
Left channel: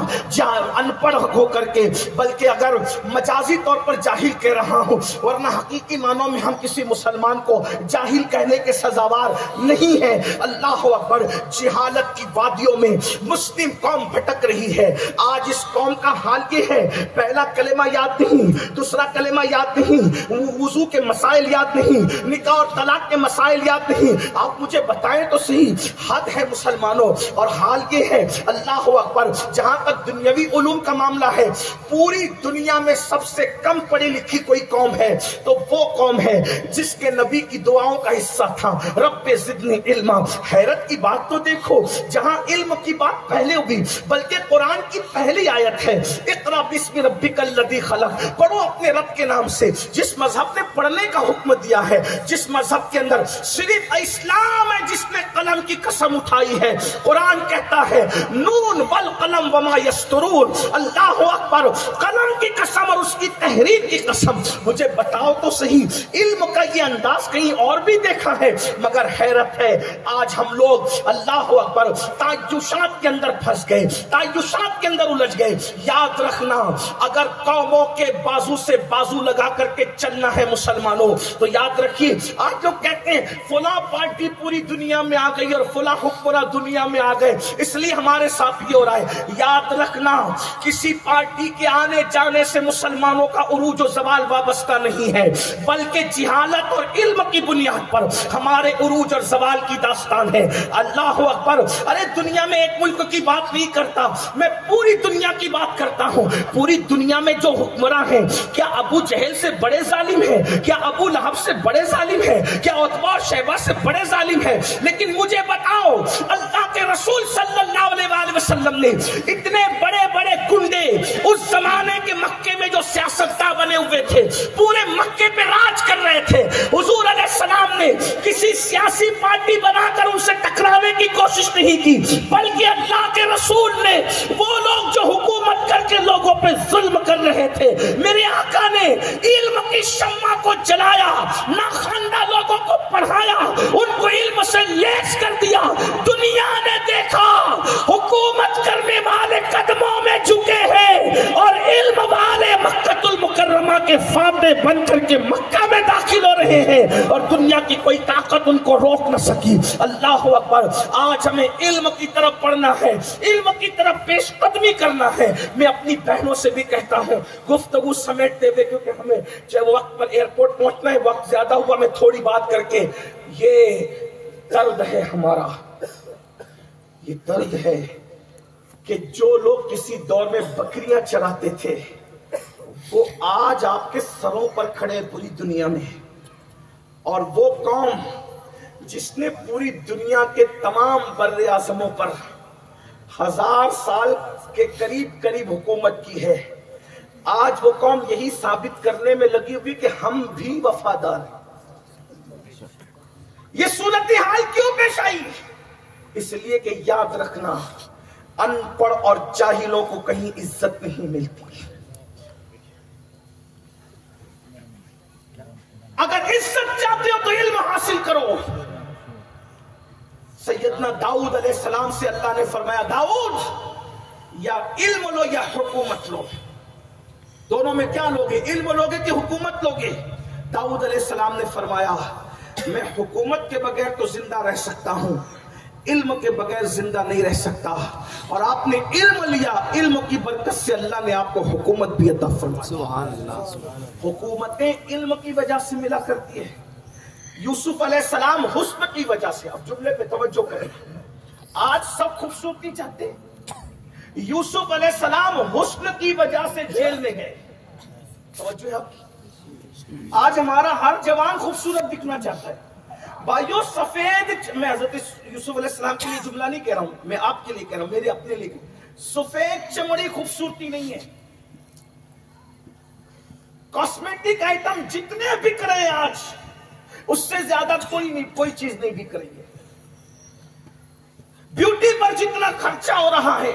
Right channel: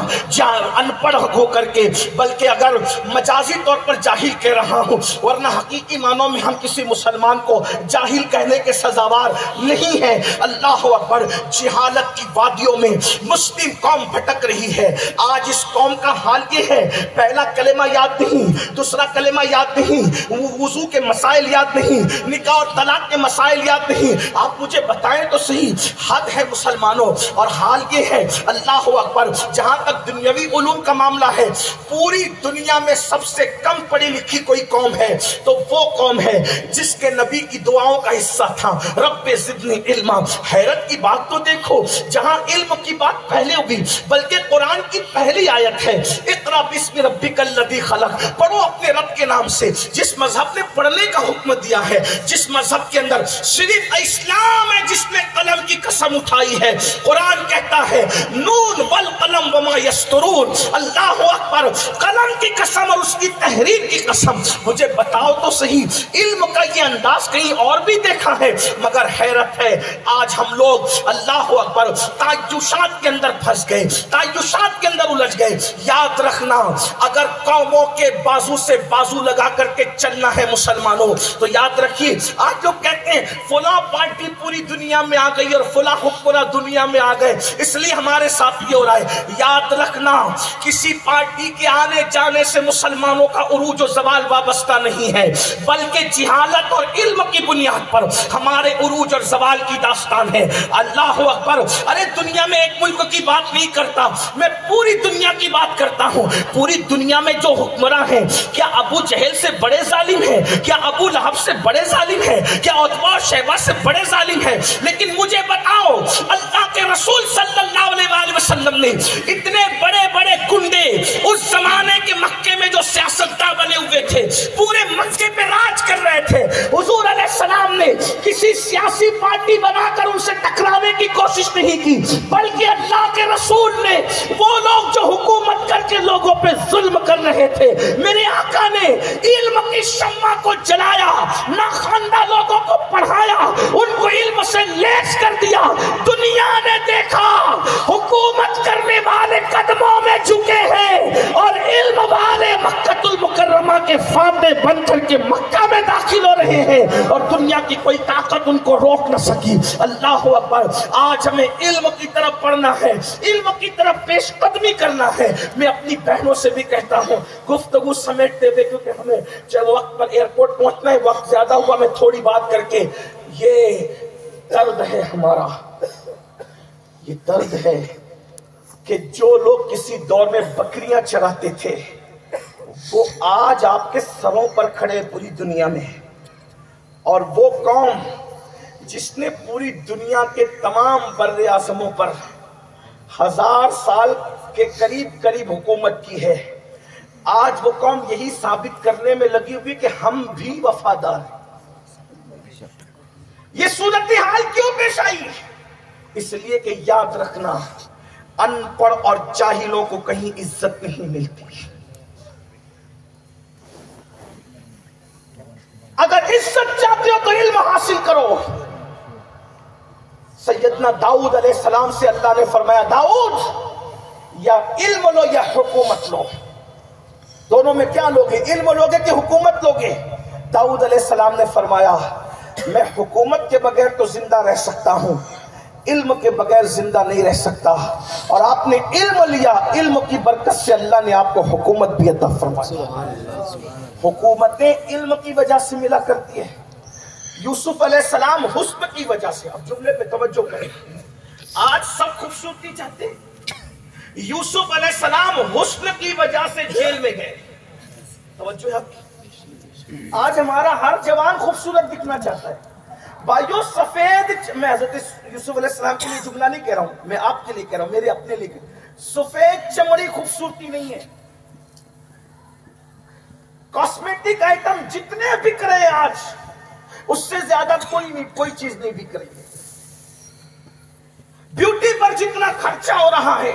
ان پڑھ ہو کر کے، بلکہ اگر مجازی طور پر جاہل کہہ رہا ہوں، ورنہ حقیقی معنوں میں ہم کسی مسلمان کو جاہل کہنے کے سزاوار نہیں ہیں۔ اللہ اکبر، جہالت کی وادیوں میں مسلم قوم بھٹک رہی ہے۔ آج اس قوم کا حال یہ ہے، پہلا کلمہ یاد نہیں، دوسرا کلمہ یاد نہیں، وضو کے مسائل یاد نہیں، نکاح اور طلاق کے مسائل یاد نہیں۔ آپ مجھے بتائیں تو صحیح، حد ہے مسلمانوں۔ اور حال یہ ہے، اللہ اکبر، جہاں تک دنیاوی علوم کا معاملہ ہے، پوری دنیا میں سب سے کم پڑھی لکھی کوئی قوم ہے تو وہ قوم ہے جس کے نبی کی دعاؤں کا حصہ تھا، رب زدنی علما۔ حیرت کی بات تو دیکھو، جہاں علم کی بات پہلے ہوئی، بلکہ قرآن کی پہلی آیت ہے اقرا بسم ربک الذی خلق، پڑھو اپنے رب کے نام سے۔ جس مذہب نے پڑھنے کا حکم دیا ہے، جس مذہب کے اندر صرف اسلام ہے جس نے قلم کی قسم اٹھائی ہے، قرآن کہتا ہے نون والقلم وما یسطرون، اللہ اکبر، قلم کی قسم اور اس کی تحریر کی قسم۔ مجھے بتاؤ تو صحیح، علم کا یہ انداز کہیں اور بھی دیکھا ہے؟ مگر حیرت ہے، آج ہم لوگ اللہ اکبر تعیشات کے اندر پھنس گئے، تعیشات کے اندر الجھ گئے۔ یاد رکھنا، اگر قوموں کے بازو سے بازو لگا کر کے چلنا ہے مسلمانوں، تو یاد رکھیے، آج لوگ کہتے ہیں فلاں پارٹی پوری دنیا میں آ گئی اور فلاں حکمراں دنیا میں آ گئے، اس لیے ہمارے ساتھ یہ ہو رہا ہے۔ یاد رکھنا، کسی پارٹی کے آنے جانے سے مسلمانوں کا عروج و زوال وابستہ نہیں ہے، بلکہ جہالت اور علم کی بنیاد پر ہمارے عروج اور زوال کی داستان ہے۔ اللہ اکبر، ارے دنیا میں ایک ملک کی بات نہیں کرتا، میں پوری دنیا کی بات کرتا ہوں۔ پوری دنیا میں جو حکمراں ہیں، کیا ابو جہل سے بڑے ظالم ہیں؟ کیا ابو لہب سے بڑے ظالم ہیں؟ کیا عتبہ اور شیبہ سے بڑے ظالم ہیں؟ لیکن مجھے بتاؤ، اللہ کے رسول صلی اللہ علیہ وسلم نے اتنے بڑے بڑے گنڈے اس زمانے کے مکے میں جو سیاستداں بنے ہوئے تھے، پورے مکے پہ راج کر رہے تھے، حضور علیہ السلام نے کسی سیاسی پارٹی بنا کر ان سے ٹکرانے کی کوشش نہیں کی، بلکہ اللہ کے رسول نے وہ لوگ جو حکومت کر کے لوگوں پہ ظلم کر رہے تھے. میرے آقا نے علم کی شمع کو جلایا, ناخواندہ لوگوں کو پڑھایا, ان کو علم سے لیس کر دیا. دنیا نے دیکھا حکومت کرنے والے قدموں میں جھکے ہیں اور علم والے مکہ المکرمہ کے فاتح بن کر کے مکہ میں داخل ہو رہے ہیں, اور دنیا کی کوئی طاقت ان کو روک نہ سکی. اللہ اکبر. آج ہمیں علم کی طرف پڑھنا ہے, علم کی طرف پیش قدمی کرنا ہے. میں اپنی بہنوں سے بھی کہتا ہوں گفتگو سمیٹتے ہوئے, کیونکہ ہمیں جب وقت پر ایئرپورٹ پہنچنا ہے, وقت زیادہ ہوا, میں تھوڑی بات کر کے, یہ درد ہے ہمارا, یہ درد ہے کہ جو لوگ کسی دور میں بکریاں چراتے تھے وہ آج آپ کے سروں پر کھڑے پوری دنیا میں, اور وہ قوم جس نے پوری دنیا کے تمام بر اعظموں پر 1000 سال کے قریب حکومت کی ہے, آج وہ قوم یہی ثابت کرنے میں لگی ہوئی کہ ہم بھی وفادار ہیں. یہ صورتحال کیوں پیش آئی؟ اس لیے کہ یاد رکھنا, ان پڑھ اور جاہلوں کو کہیں عزت نہیں ملتی. اگر عزت چاہتے ہو تو علم حاصل کرو. سیدنا داؤد علیہ السلام سے اللہ نے فرمایا, داؤد یا علم لو یا حکومت لو, دونوں میں کیا لوگے, علم لوگے کہ حکومت لوگے؟ داؤد علیہ السلام نے فرمایا, میں حکومت کے بغیر تو زندہ رہ سکتا ہوں, علم کے بغیر زندہ نہیں رہ سکتا. اور آپ نے علم لیا, علم کی برکت سے اللہ نے آپ کو حکومت بھی عطا فرمائی. حکومتیں علم کی وجہ سے ملا کرتی ہیں. یوسف علیہ السلام حسن کی وجہ سے, اب جملے پہ توجہ کریں, آج سب خوبصورتی چاہتے ہیں, یوسف علیہ السلام حسن کی وجہ سے جیل میں گئے. توجہ, آج ہمارا ہر جوان خوبصورت دکھنا چاہتا ہے. بھائیو سفید, میں حضرت یوسف علیہ السلام کے لیے جملہ نہیں کہہ رہا ہوں, میں آپ کے لیے کہہ رہا ہوں, میرے اپنے لیے. سفید چمڑی خوبصورتی نہیں ہے. کاسمیٹک آئٹم جتنے بک رہے ہیں آج, اس سے زیادہ کوئی چیز نہیں بک رہی ہے. بیوٹی پر جتنا خرچہ ہو رہا ہے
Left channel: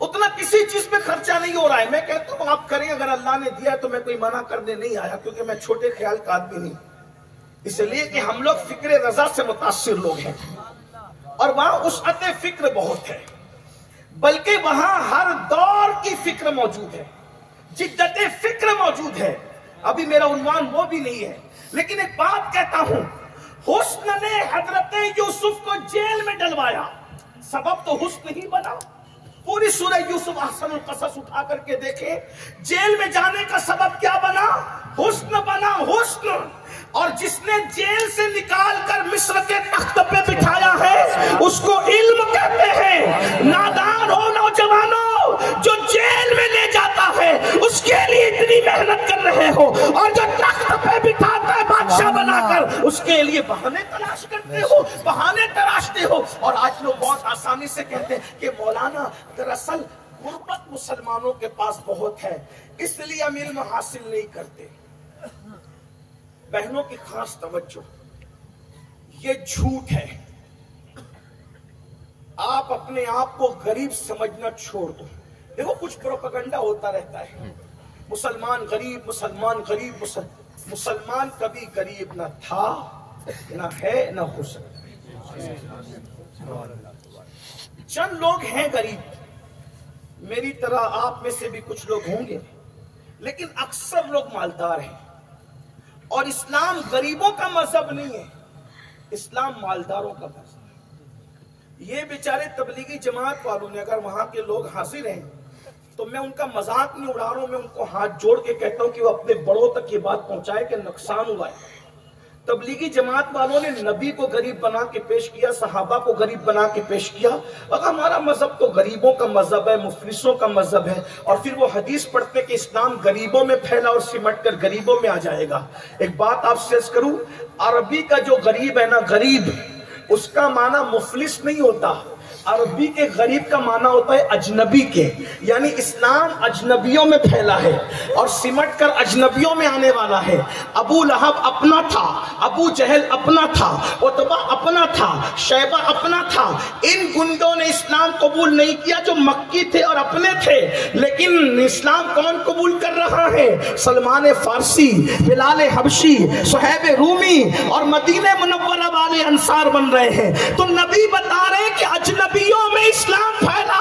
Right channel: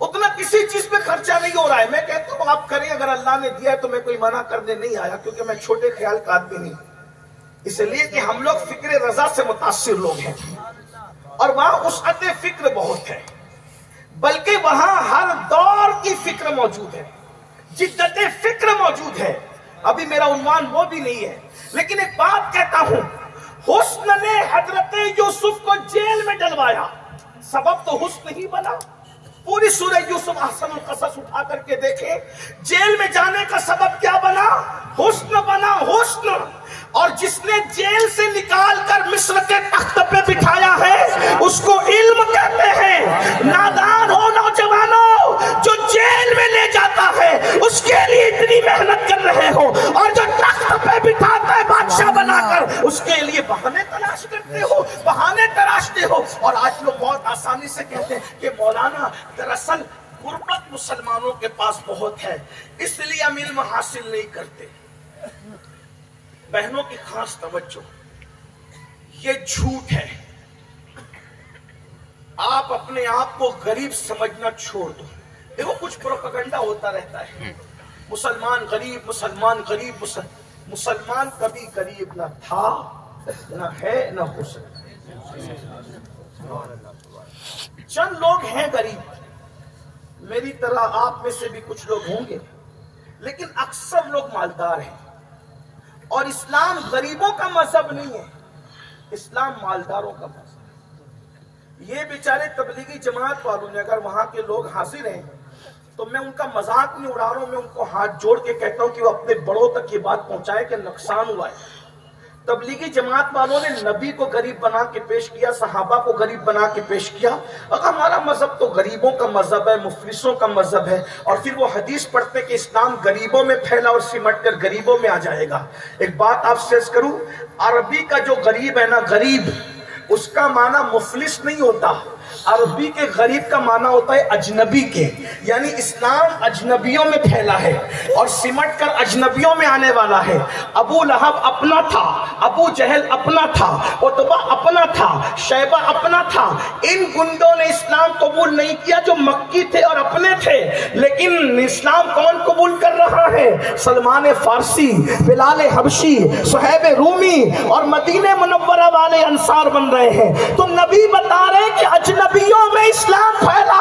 اتنا کسی چیز پہ خرچہ نہیں ہو رہا ہے. میں کہتا ہوں آپ کریں, اگر اللہ نے دیا ہے تو میں کوئی منع کرنے نہیں آیا, کیونکہ میں چھوٹے خیال کا آدمی نہیں, اس لیے کہ ہم لوگ فکر رضا سے متاثر لوگ ہیں, اور وہاں وسعت فکر بہت ہے, بلکہ وہاں ہر دور کی فکر موجود ہے, جدت فکر موجود ہے. ابھی میرا عنوان وہ بھی نہیں ہے, لیکن ایک بات کہتا ہوں, حسن نے حضرت یوسف کو جیل میں ڈلوایا, سبب تو حسن ہی بنا. پوری سورہ یوسف احسن القصص اٹھا کر کے دیکھیں, جیل میں جانے کا سبب کیا بنا؟ حسن بنا, حسن. اور جس نے جیل سے نکال کر مصر کے تخت پہ بٹھایا ہے اس کو علم کہتے ہیں. نادان ہو نوجوانوں, جو جیل میں لے جاتا ہے اس کے لیے اتنی محنت کر رہے ہو, اور جو تخت پہ بٹھاتا ہے بادشاہ بنا کر اس کے لیے بہانے تلاش کرتے ہو, بہانے تراشتے ہو. اور آج لوگ بہت آسانی سے کہتے ہیں کہ مولانا دراصل غربت مسلمانوں کے پاس بہت ہے اس لیے ہم علم حاصل نہیں کرتے. بہنوں کی خاص توجہ, یہ جھوٹ ہے. آپ اپنے آپ کو غریب سمجھنا چھوڑ دو. دیکھو کچھ پروپیگنڈا ہوتا رہتا ہے, مسلمان غریب, مسلمان غریب. مسلمان کبھی غریب نہ تھا, نہ ہے, نہ ہو سکتا. چند لوگ ہیں غریب, میری طرح آپ میں سے بھی کچھ لوگ ہوں گے, لیکن اکثر لوگ مالدار ہیں. اور اسلام غریبوں کا مذہب نہیں ہے, اسلام مالداروں کا مذہب ہے. یہ بیچارے تبلیغی جماعت والوں نے, اگر وہاں کے لوگ حاضر ہیں تو میں ان کا مذاق نہیں اڑا رہا ہوں, میں ان کو ہاتھ جوڑ کے کہتا ہوں کہ وہ اپنے بڑوں تک یہ بات پہنچائے کہ نقصان ہوا ہے. تبلیغی جماعت والوں نے نبی کو غریب بنا کے پیش کیا, صحابہ کو غریب بنا کے پیش کیا, اور ہمارا مذہب تو غریبوں کا مذہب ہے, مفلسوں کا مذہب ہے. اور پھر وہ حدیث پڑھتے کہ اسلام غریبوں میں پھیلا اور سمٹ کر غریبوں میں آ جائے گا. ایک بات آپ سے عرض کروں, عربی کا جو غریب ہے نا, غریب, اس کا معنی مفلس نہیں ہوتا. عربی کے غریب کا معنی ہوتا ہے اجنبی کے، یعنی اسلام اجنبیوں میں پھیلا ہے اور سمٹ کر اجنبیوں میں آنے والا ہے۔ ابو لہب اپنا تھا، ابو جہل اپنا تھا، عتبہ اپنا تھا، شیبہ اپنا تھا۔ ان گنڈوں نے اسلام قبول نہیں کیا جو مکی تھے اور اپنے تھے، لیکن اسلام کون قبول کر رہا ہے؟ سلمان فارسی، بلال حبشی، صہیب رومی اور مدینہ منورہ والے انصار بن رہے ہیں۔ تو نبی بتا رہے کہ اجنبیوں میں اسلام پھیلا،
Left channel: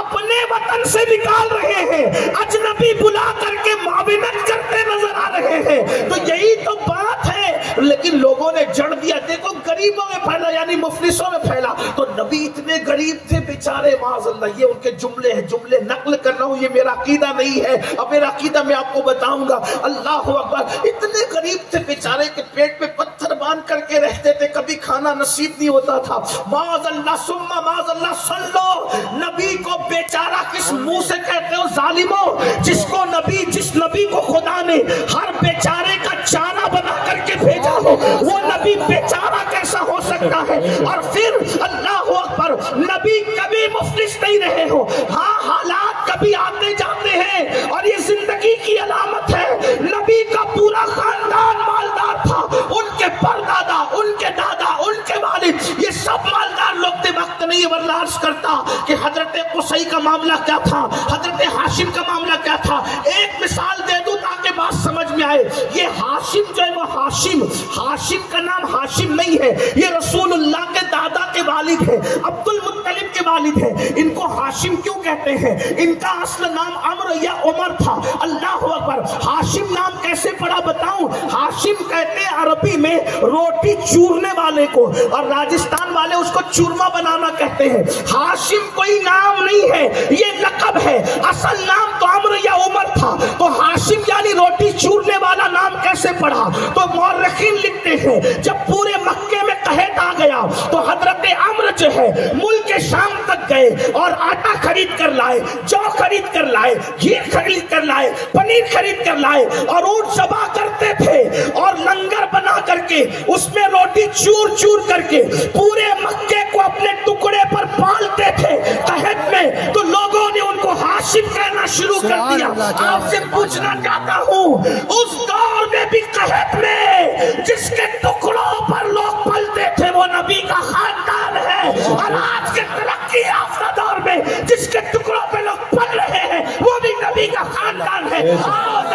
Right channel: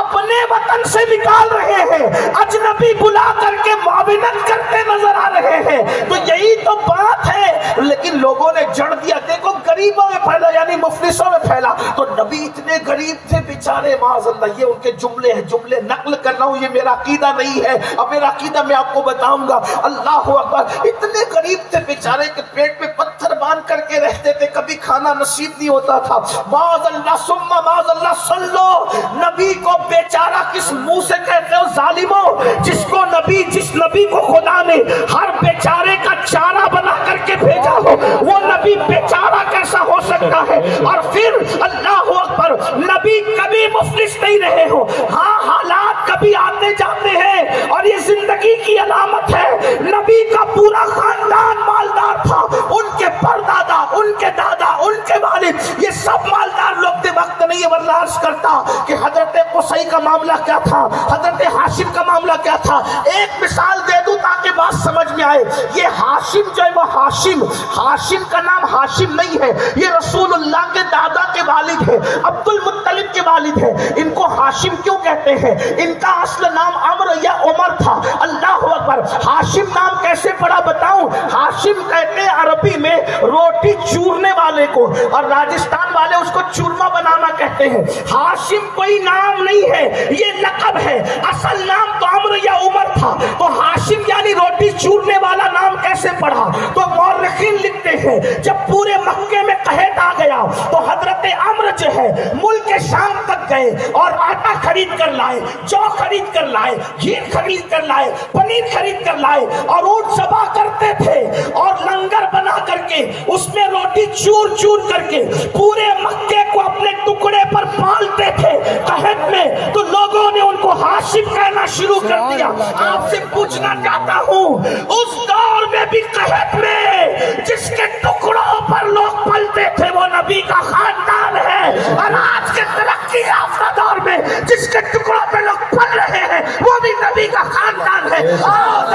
اپنے وطن سے نکال رہے ہیں، اجنبی بلا کر کے معاونت کرتے نظر آ رہے ہیں۔ تو یہی تو بات ہے، لیکن لوگوں نے جڑ دیا، دیکھو غریبوں میں پھیلا یعنی مفلسوں میں پھیلا۔ تو نبی اتنے غریب تھے بیچارے، معاذ اللہ، یہ ان کے جملے ہیں، جملے نقل کر رہا ہوں، یہ میرا عقیدہ نہیں ہے، اب میرا عقیدہ میں آپ کو بتاؤں گا۔ اللہ اکبر، اتنے غریب تھے بیچارے کہ پیٹ میں پتھر باندھ کر کے رہتے تھے، کبھی کھانا نصیب نہیں ہوتا تھا۔ معاذ اللہ ثم معاذ اللہ، سن لو نبی کو بیچارہ کس منہ سے کہتے ہو ظالموں؟ جس نبی کو خدا نے ہر بیچارے کا چارہ بنا کر کے بھیجا ہو، وہ نبی بیچارہ کیسا ہو سکتا ہے؟ اور پھر اللہ اکبر، نبی کبھی مفلس نہیں رہے ہو۔ ہاں، حالات کبھی آتے جاتے ہیں اور یہ زندگی کی علامت ہے۔ نبی کا پورا خاندان مالدار تھا، ان کے پردادا، ان کے دادا، ان کے والد، یہ سب مالدار لوگ تھے۔ وقت نہیں ہے ورنہ عرض کرتا کہ حضرت قصی کا معاملہ کیا تھا، حضرت ہاشم کا معاملہ کیا تھا۔ ایک مثال دے دوں تاکہ بات سمجھ میں آئے۔ یہ ہاشم جو ہے وہ ہاشم کا نام ہاشم نہیں ہے، یہ رسول اللہ کے دادا کے والد ہے، عبد المطلب کے والد ہے۔ ان کو ہاشم کیوں کہتے ہیں؟ ان کا اصل نام عمرو یا عمر تھا۔ اللہ اکبر، ہاشم نام کیسے پڑا بتاؤں؟ ہاشم کہتے ہیں عربی میں روٹی چورنے والے کو، اور راجستھان والے اس کو چورما بنانا کہتے ہیں۔ ہاشم کوئی نام نہیں ہے، یہ لقب ہے، اصل نام تو عمرو یا عمر تھا۔ تو ہاشم یعنی روٹی چورنے والا نام کیسے پڑا؟ تو مورخین لکھتے ہیں جب پورے مکے میں قحط آ گیا تو حضرت عمرو جو ہے ملک شام تک گئے اور آٹا خرید کر لائے، جو خرید کر لائے، گھی خرید کر لائے، پنیر خرید کر لائے، اور اونٹ ذبح کرتے تھے اور لنگر بنا کر کے اس میں روٹی چور چور کر کے پورے مکے کو اپنے ٹکڑے پر پالتے تھے قحط میں۔ تو لوگوں نے ان کو ہاشم کہنا شروع کر دیا۔ آپ سے پوچھنا چاہتا ہوں، اس دور میں بھی قحط میں جس کے ٹکڑوں پر لوگ پلتے تھے وہ نبی کا خاندان ہے، اور آج کے ترقی یافتہ دور میں جس کے ٹکڑوں پہ لوگ پل رہے ہیں وہ بھی نبی کا خاندان ہے۔ اور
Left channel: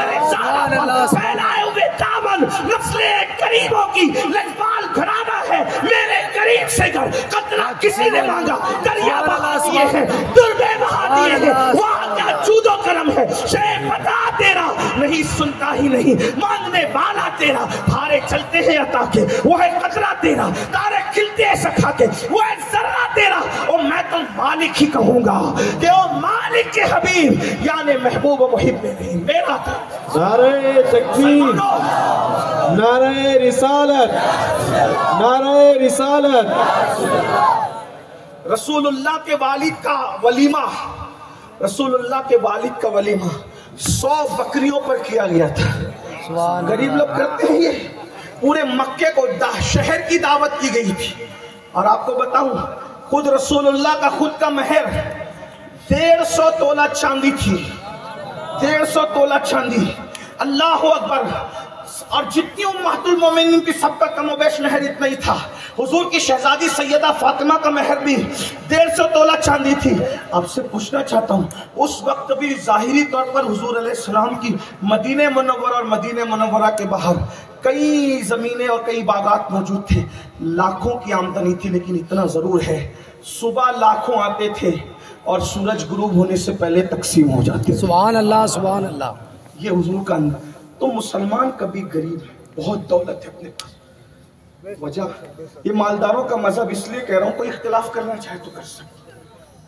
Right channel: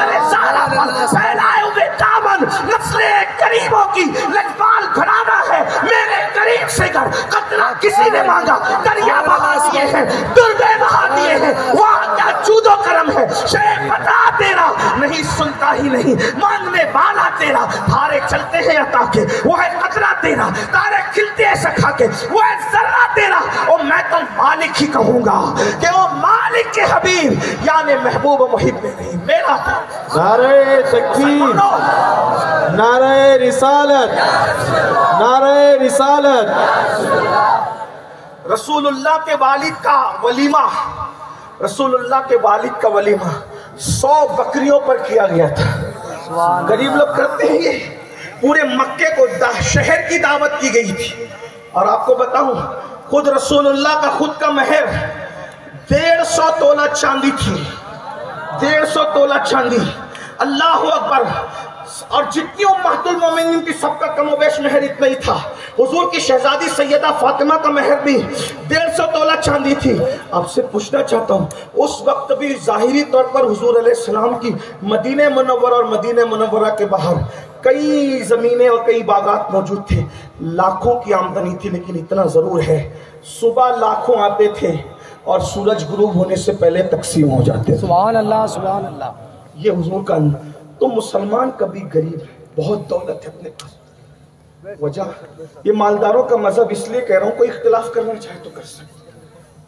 پھیلائے ہوئے دامن نسل قریبوں کی لجپال گھرانہ ہے، میرے قریب سے گھر قطرہ کسی نے مانگا، دریا بہا دیے ہیں، دربے بہا دیے ہیں، وہاں کیا جود و کرم ہے۔ شیخ بتا تیرا نہیں سنتا ہی نہیں، مانگنے والا تیرا، تھارے چلتے ہیں عطا کے، وہ ہے قطرہ تیرا، تارے کھلتے ہیں سکھا کے، وہ ہے ذرہ تیرا۔ اور میں تو مالک ہی کہوں گا کہ وہ مالک کے حبیب یعنی محبوب و محب نہیں میرا تھا۔ نعرہ تکبیر، نعرہ رسالت، نعرہ رسالت۔ رسول اللہ کے والد کا ولیمہ، رسول اللہ کے والد کا ولیمہ 100 بکریوں پر کیا گیا تھا۔ غریب لوگ کرتے ہیں یہ، پورے مکے کو شہر کی دعوت کی گئی تھی۔ اور آپ کو بتاؤں، خود رسول اللہ کا خود کا مہر 150 تولہ چاندی تھی، 150 تولہ چاندی۔ اللہ اکبر، اور جتنی امہات المومنین کی سب کا کم و بیش مہر اتنا ہی تھا۔ حضور کی شہزادی سیدہ فاطمہ کا مہر بھی 150 تولہ چاندی تھی۔ آپ سے پوچھنا چاہتا ہوں، اس وقت بھی ظاہری طور پر حضور علیہ السلام کی مدینہ منورہ اور مدینہ منورہ کے باہر کئی زمینیں اور کئی باغات موجود تھے، لاکھوں کی آمدنی تھی، لیکن اتنا ضرور ہے صبح لاکھوں آتے تھے اور سورج غروب ہونے سے پہلے تقسیم ہو جاتے تھے۔ سبحان اللہ، سبحان اللہ۔ یہ حضور کا تو مسلمان کبھی غریب ہے، بہت دولت ہے اپنے پاس۔ وجہ یہ مالداروں کا مذہب اس لیے کہہ رہا ہوں، کوئی اختلاف کرنا چاہے تو کر سکتے۔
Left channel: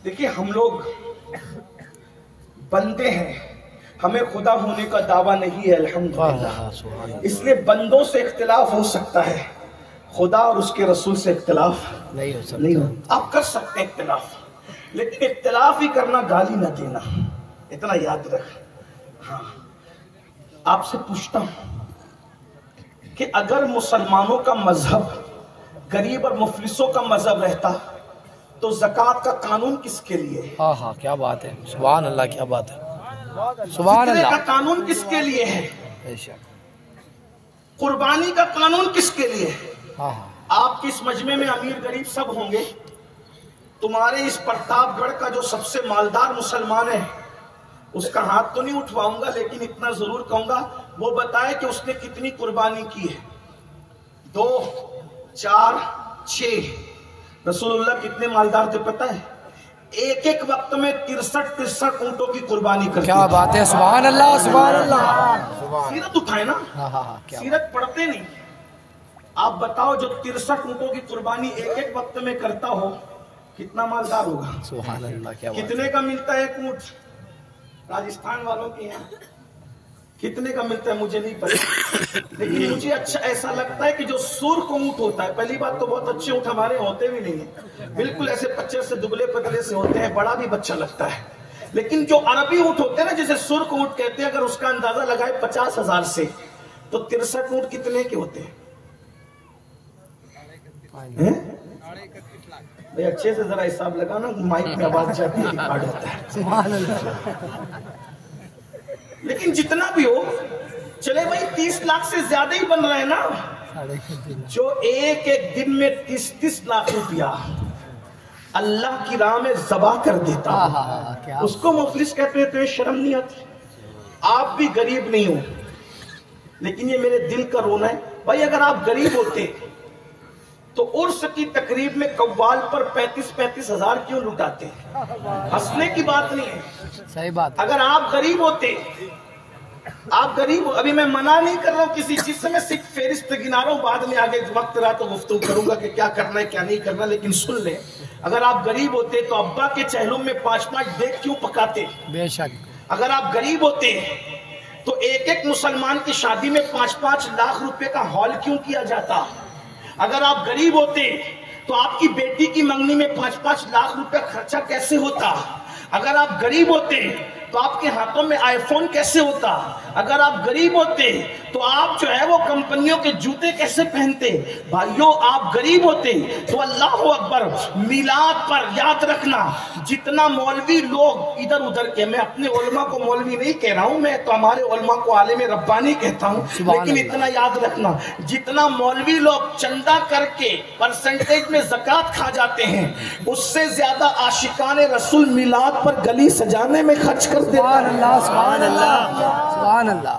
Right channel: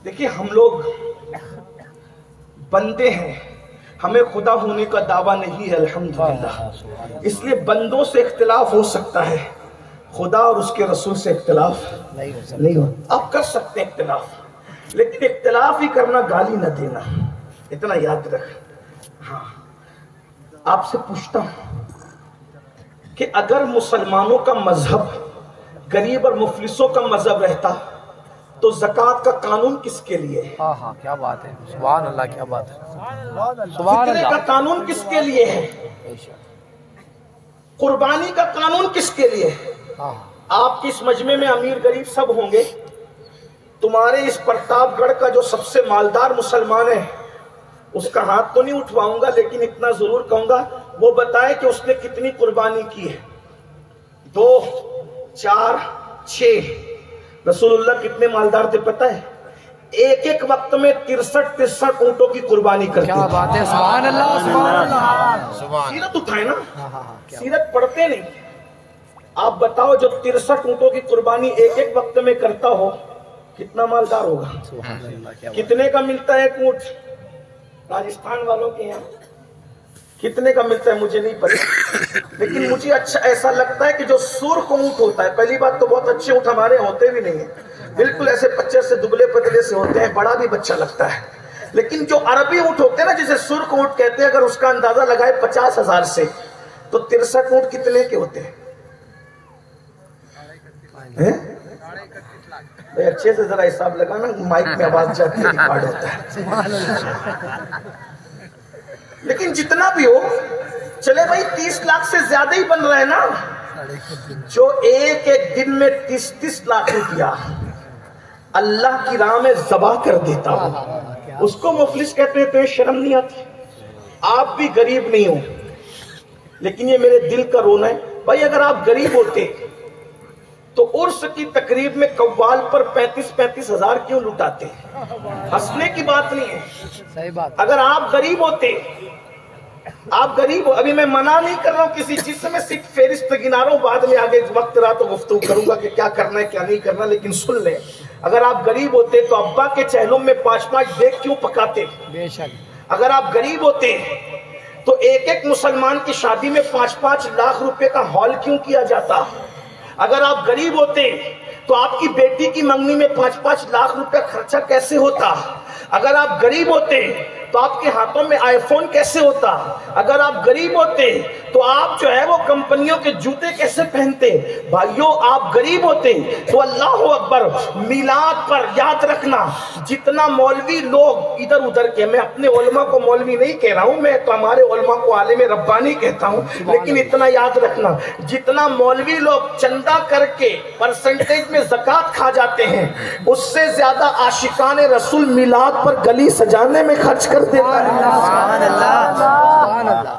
دیکھیے ہم لوگ بندے ہیں، ہمیں خدا ہونے کا دعویٰ نہیں ہے الحمدللہ، اس لیے بندوں سے اختلاف ہو سکتا ہے، خدا اور اس کے رسول سے اختلاف نہیں ہو۔ آپ کر سکتے اختلاف، لیکن اختلاف ہی کرنا گالی نہ دینا، اتنا یاد رکھ۔ ہاں، آپ سے پوچھتا ہوں کہ اگر مسلمانوں کا مذہب غریب اور مفلسوں کا مذہب رہتا تو زکات کا قانون کس کے لیے ہے؟ ہاں ہاں کیا بات ہے، سبحان اللہ، کیا بات ہے، سبحان فطرے کا اللہ، قانون کس کے لیے ہے؟ بے شک، قربانی کا قانون کس کے لیے ہے؟ ہاں آپ کی اس مجمع میں امیر غریب سب ہوں گے، تمہارے اس پرتاپ گڑھ کا جو سب سے مالدار مسلمان ہے اس کا ہاتھ تو نہیں اٹھواؤں گا، لیکن اتنا ضرور کہوں گا وہ بتائے کہ اس نے کتنی قربانی کی ہے۔ 2 4 6 رسول اللہ کتنے مالدار تھے پتہ ہے؟ ایک ایک وقت میں 63 اونٹوں کی قربانی کرتے کیا تھے۔ بات ہے، سبحان اللہ، سبحان اللہ، سیرت اٹھائے نا، ہاں ہاں ہاں کیا سیرت پڑھتے نہیں۔ آپ بتاؤ جو 63 اونٹوں کی قربانی ایک ایک وقت میں کرتا ہو کتنا مالدار ہوگا؟ سبحان اللہ، کیا بات، کتنے کا ملتا ہے ایک اونٹ راجستھان والوں کے یہاں؟ کتنے کا ملتا ہے مجھے نہیں پتا، لیکن مجھے اچھا ایسا لگتا ہے کہ جو سرخ اونٹ ہوتا ہے، پہلی بات تو بہت اچھے اونٹ ہمارے ہوتے بھی نہیں ہیں، بالکل ایسے پچے سے دبلے پتلے سے ہوتے ہیں، بڑا بھی بچہ لگتا ہے، لیکن جو عربی اونٹ ہوتے ہیں نا جسے سرخ اونٹ کہتے ہیں، اگر اس کا اندازہ لگائے 50,000 سے تو 63 اونٹ کتنے کے ہوتے ہیں؟ اچھے سے ذرا حساب لگانا، مائک میں آواز جاتی ہے، ریکارڈ ہوتا ہے۔ سبحان اللہ، لیکن جتنا بھی ہو چلے بھائی 30 لاکھ سے زیادہ ہی بن رہے ہیں نا، جو ایک ایک دن میں 30 لاکھ روپیہ اللہ کی راہ میں ذبح کر دیتا ہوں، اس کو مفلس کہتے ہیں۔ تو شرم نہیں آتی؟ آپ بھی غریب نہیں ہو، لیکن یہ میرے دل کا رونا ہے بھائی، اگر آپ غریب ہوتے تو عرس کی تقریب میں قوال پر 35 ہزار کیوں لٹاتے؟ ہنسنے کی بات نہیں ہے، صحیح بات، اگر آپ غریب ہوتے، آپ غریب ہو، ابھی میں منع نہیں کر رہا ہوں کسی چیز سے، میں صرف فہرست گنا رہا ہوں، بعد میں آگے وقت رہا تو گفتگو کروں گا کہ کیا کرنا ہے کیا نہیں کرنا، لیکن سن لیں، اگر آپ غریب ہوتے تو ابا کے چہلم میں 5 دیگ کیوں پکاتے؟ بے شک، اگر آپ غریب ہوتے تو ایک ایک مسلمان کی شادی میں 5 لاکھ روپے کا ہال کیوں کیا جاتا؟ اگر آپ غریب ہوتے تو آپ کی بیٹی کی منگنی میں 5 لاکھ روپے خرچہ کیسے ہوتا؟ اگر آپ غریب ہوتے تو آپ کے ہاتھوں میں آئی فون کیسے ہوتا؟ اگر آپ غریب ہوتے تو آپ جو ہے وہ کمپنیوں کے جوتے کیسے پہنتے؟ بھائیوں آپ غریب ہوتے تو اللہ اکبر، میلاد پر یاد رکھنا جتنا مولوی لوگ ادھر ادھر کے، میں اپنے علماء کو مولوی نہیں کہہ رہا ہوں، میں تو ہمارے علماء کو عالم ربانی کہتا ہوں، لیکن اتنا یاد رکھنا جتنا مولوی لوگ چندہ کر کے پرسنٹیج میں زکوٰۃ کھا جاتے ہیں، اس سے زیادہ عاشقان رسول میلاد پر گلی سجانے میں خرچ کر دیتا ہے۔ سبحان اللہ، سبحان اللہ،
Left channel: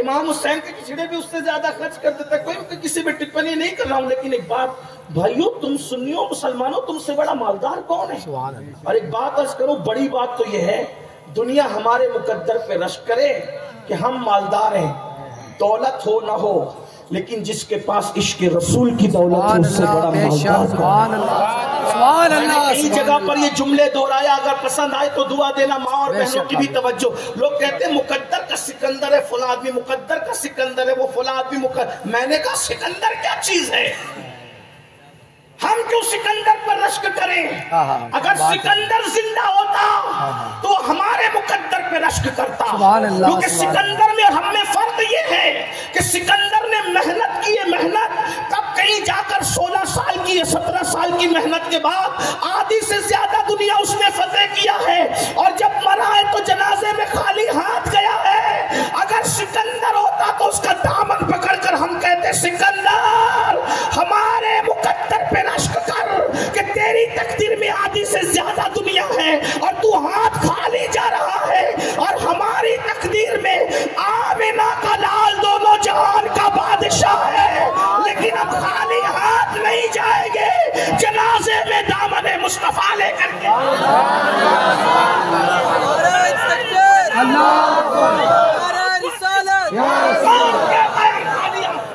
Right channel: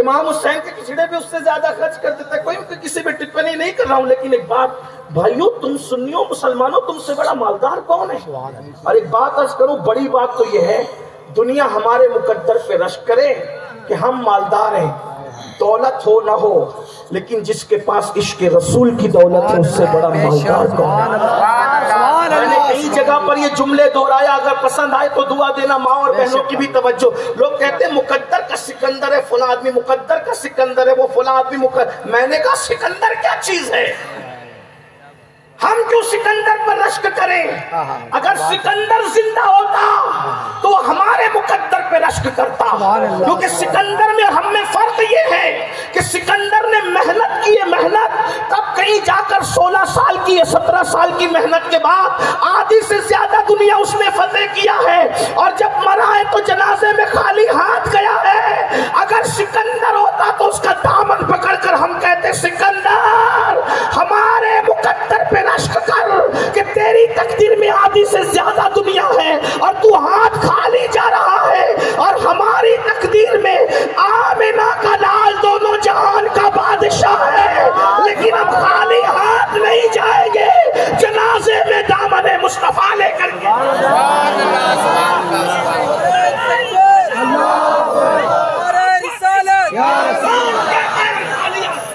امام حسین کے کچڑے پہ اس سے زیادہ خرچ کر دیتا ہے۔ کوئی کسی پہ ٹپنی نہیں کر رہا ہوں، لیکن ایک بات بھائیو، تم سنیو مسلمانوں، تم سے بڑا مالدار کون ہے؟ اور ایک بات عرض کروں، بڑی بات تو یہ ہے دنیا ہمارے مقدر پہ رشک کرے کہ ہم مالدار ہیں، دولت ہو نہ ہو، لیکن جس کے پاس عشق رسول کی دولت ہے اس سے بڑا مالدار کون ہے؟ میں نے کئی جگہ پر یہ جملے دہرایا، اگر پسند آئے تو دعا دینا، ماں اور بہنوں کی بھی توجہ۔ لوگ کہتے ہیں مقدر کا سکندر ہے فلاں آدمی، مقدر کا سکندر ہے وہ فلاں آدمی، میں نے کہا سکندر کیا چیز ہے؟ ہم کیوں سکندر پر رشک کریں؟ اگر سکندر زندہ ہوتا تو ہمارے مقدر پہ رشک کرتا، کیونکہ سکندر میں ہم میں فرق یہ ہے کہ سکندر نے محنت کی ہے، محنت تب کہیں جا کر 16 سال کی یا 17 سال کی محنت کے بعد آدھی سے زیادہ دنیا اس نے فتح کیا ہے، اور جب مرا ہے تو جنازے میں خالی ہاتھ گیا ہے۔ اگر سکندر ہوتا تو اس کا دامن پکڑ کر ہم کہتے سکندر ہمارے مقدر پہ رشک کر کہ تیری تقدیر میں آدھی سے زیادہ دنیا ہے اور تو ہاتھ خالی جا رہا ہے، اور ہماری تقدیر میں آمنہ کا لال دونوں جہان کا بادشاہ ہے، لیکن ہم خالی ہاتھ نہیں جائیں گے، جنازے میں دامن مصطفیٰ لے کر کے۔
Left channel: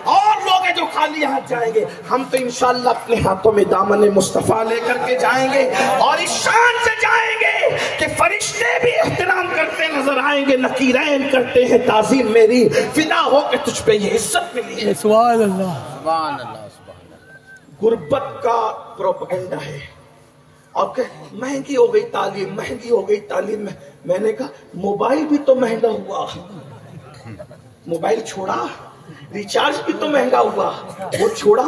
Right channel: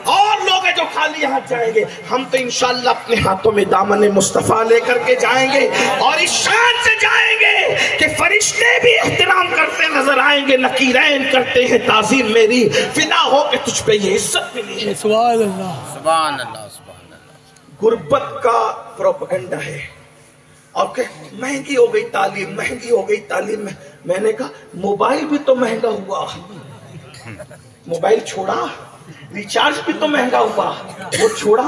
اور لوگ جو خالی ہاتھ جائیں گے، ہم تو انشاءاللہ اپنے ہاتھوں میں دامن مصطفیٰ لے کر کے جائیں گے، اور اس شان سے جائیں گے کہ فرشتے بھی احترام کرتے نظر آئیں گے، نکیرین کرتے ہیں تعظیم میری، فدا ہو کہ تجھ پہ یہ عزت ملی ہے۔ سبحان اللہ، سبحان اللہ، سبحان اللہ۔ غربت کا پروپیگنڈا ہے، اور کہ مہنگی ہو گئی تعلیم، مہنگی ہو گئی تعلیم۔ میں نے کہا موبائل بھی تو مہنگا ہوا، موبائل چھوڑا، ریچارج بھی تو مہنگا ہوا، وہ چھوڑا،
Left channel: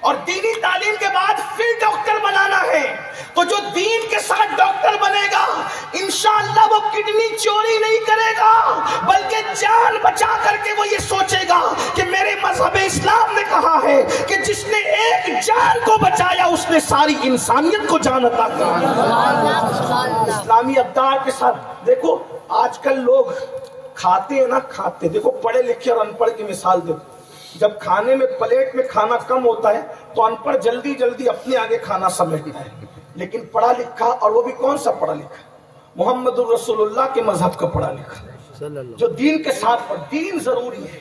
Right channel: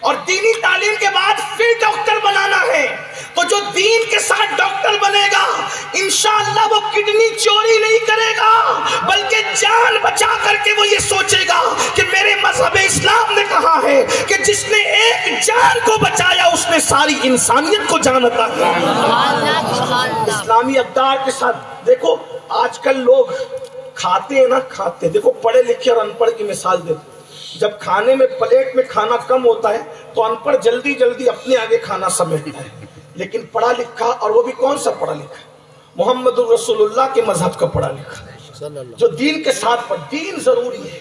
اور دینی تعلیم کے بعد پھر ڈاکٹر بنانا ہے، تو جو دین کے ساتھ ڈاکٹر بنے گا انشاءاللہ وہ کڈنی چوری نہیں کرے گا، بلکہ جان بچا کر کے وہ یہ سوچے گا کہ میرے مذہب اسلام نے کہا ہے کہ جس نے ایک جان کو بچایا اس نے ساری انسانیت کو جان عطا کی۔ اسلامی اقدار کے ساتھ دیکھو آج کل لوگ کھاتے ہیں نا، کھاتے دیکھو پڑھے لکھے اور ان پڑھ کی مثال دیتے، جب کھانے میں پلیٹ میں کھانا کم ہوتا ہے تو ان پڑھ جلدی جلدی اپنے آگے کھانا سمیٹتا ہے، لیکن پڑھا لکھا، اور وہ بھی کون سا پڑھا لکھا؟ محمد الرسول اللہ کے مذہب کا پڑھا لکھا، جو دین کے ساتھ پڑھ۔ دین ضروری ہے،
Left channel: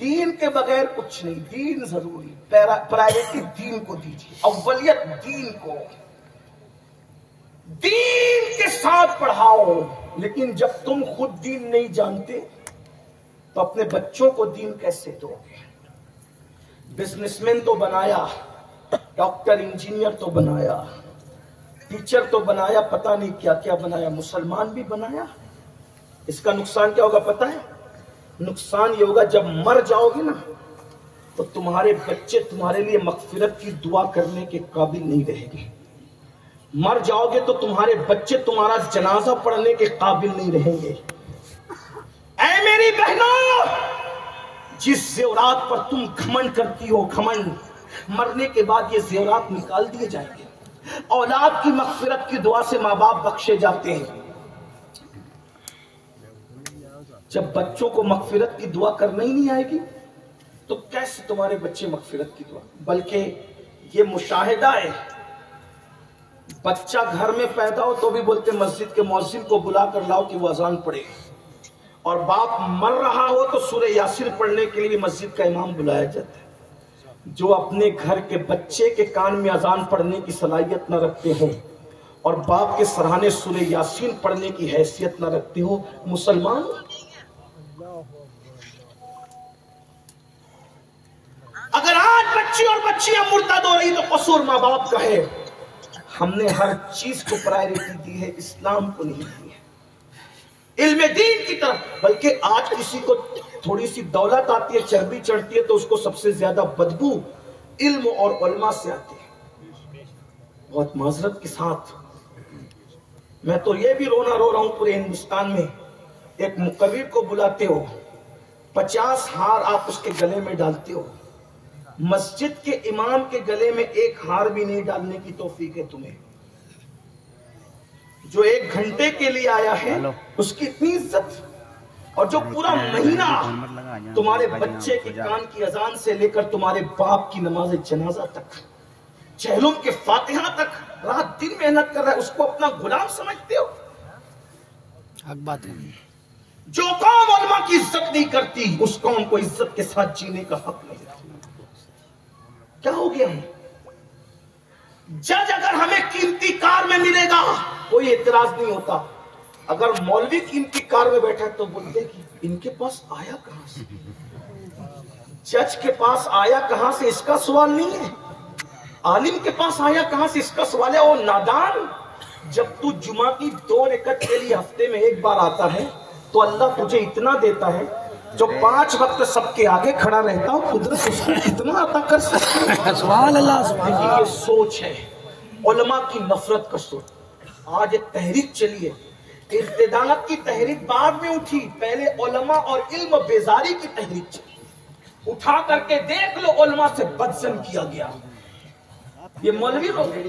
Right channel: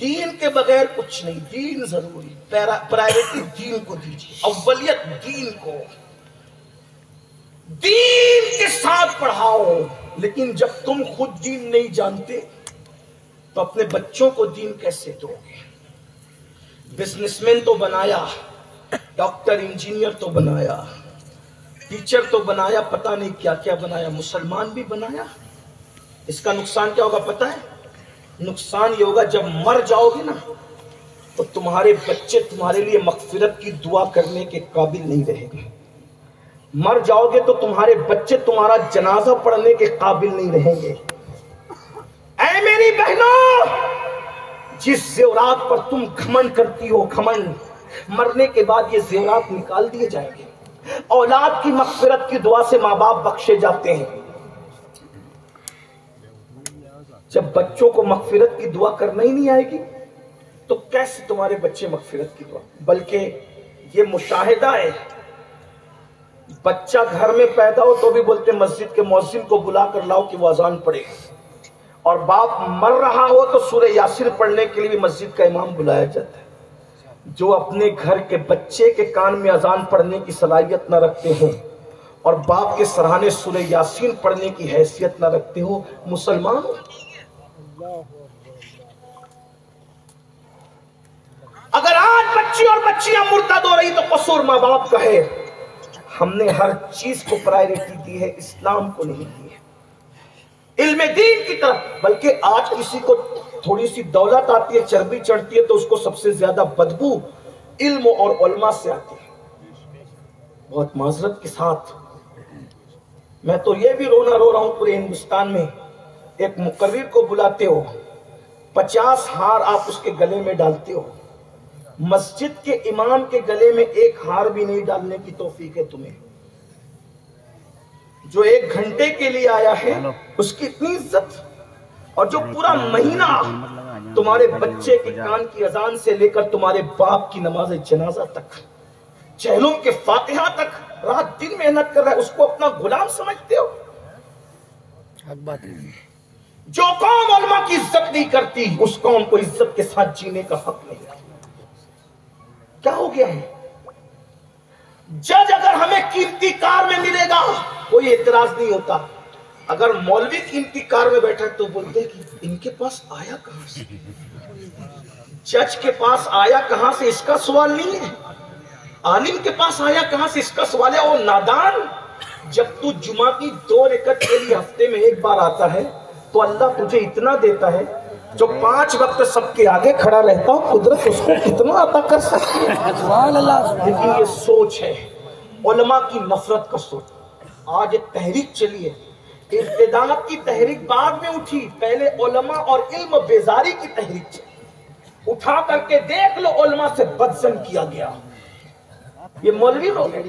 دین کے بغیر کچھ نہیں، دین ضروری، پرائیورٹی دین کو دیجیے، اولیت دین کو، دین کے ساتھ پڑھاؤ۔ لیکن جب تم خود دین نہیں جانتے تو اپنے بچوں کو دین کیسے دو گے؟ بزنس مین تو بنایا، ڈاکٹر انجینئر تو بنایا، ٹیچر تو بنایا، پتہ نہیں کیا کیا بنایا، مسلمان بھی بنایا۔ اس کا نقصان کیا ہوگا پتہ ہے؟ نقصان یہ ہوگا جب مر جاؤ گے نا تو تمہارے بچے تمہارے لیے مغفرت کی دعا کرنے کے قابل نہیں رہیں گے۔ مر جاؤ گے تو تمہارے بچے تمہارا جنازہ پڑھنے کے قابل نہیں رہیں گے۔ اے میری بہنوں، جس زیورات پر تم گھمنڈ کرتی ہو، گھمنڈ، مرنے کے بعد یہ زیورات نکال دیے جائیں گے۔ اولاد کی مغفرت کی دعا سے ماں باپ بخشے جاتے ہیں۔ جب بچوں کو مغفرت کی دعا کرنا ہی نہیں آئے گی تو کیسے تمہارے بچے مغفرت کی دعا؟ بلکہ یہ مشاہدہ ہے، بچہ گھر میں پیدا ہو تو بھی بولتے مسجد کے مؤذن کو بلا کر لاؤ کہ وہ اذان پڑھے، اور باپ مر رہا ہو تو سورہ یاسین پڑھنے کے لیے بھی مسجد کا امام بلایا جاتا ہے۔ جو اپنے گھر کے بچے کے کان میں اذان پڑھنے کی صلاحیت نہ رکھتے ہو اور باپ کے سرہانے سورہ یاسین پڑھنے کی حیثیت نہ رکھتے ہو، مسلمان اگر آج بچی اور بچیاں مرتد ہو رہی تو قصور ماں باپ کا ہے۔ ہم نے ہر چیز کو پرائیورٹی دی ہے، اسلام کو نہیں دی ہے، علم دین کی طرف۔ بلکہ آج کسی کو تھوڑی سی دولت آتی ہے، چربی چڑھتی ہے تو اس کو سب سے زیادہ بدبو علم اور علماء سے آتی ہے۔ بہت معذرت کے ساتھ میں تو یہ بھی رونا رو رہا ہوں پورے ہندوستان میں، ایک مقرر کو بلاتے ہو، 50 ہار آپ اس کے گلے میں ڈالتے ہو، مسجد کے امام کے گلے میں ایک ہار بھی نہیں ڈالنے کی توفیق ہے تمہیں۔ جو 1 گھنٹے کے لیے آیا ہے اس کی اتنی عزت، اور جو پورا مہینہ تمہارے بچے کے کان کی اذان سے لے کر تمہارے باپ کی نماز جنازہ تک، چہلم کے فاتحہ تک رات دن محنت کر رہا ہے، اس کو اپنا غلام سمجھتے ہو؟ حق بات ہے۔ جو قوم علماء کی عزت نہیں کرتی اس قوم کو عزت کے ساتھ جینے کا حق نہیں ہے۔ کیا ہو گیا ہے؟ جج اگر ہمیں قیمتی کار میں ملے گا کوئی اعتراض نہیں ہوتا، اگر مولوی قیمتی کار میں بیٹھا تو بولتے کہ ان کے پاس آیا کہاں سے، جج کے پاس آیا کہاں سے اس کا سوال نہیں ہے، عالم کے پاس آیا کہاں سے اس کا سوال ہے۔ وہ نادان، جب تو جمعہ کی 2 رکعت کے لیے ہفتے میں 1 بار آتا ہے تو اللہ تجھے اتنا دیتا ہے، جو 5 وقت سب کے آگے کھڑا رہتا ہو قدرت اس کو کتنا عطا کر سکتی ہے۔ سبحان اللہ۔ لیکن یہ سوچ ہے علماء کی نفرت کا سوچ۔ آج ایک تحریک چلی ہے، ارتداد کی تحریک بعد میں اٹھی، پہلے علماء اور علم و بیزاری کی تحریک چلی۔ اٹھا کر کے دیکھ لو علماء سے بدزن کیا گیا، یہ مولوی لوگ ہیں،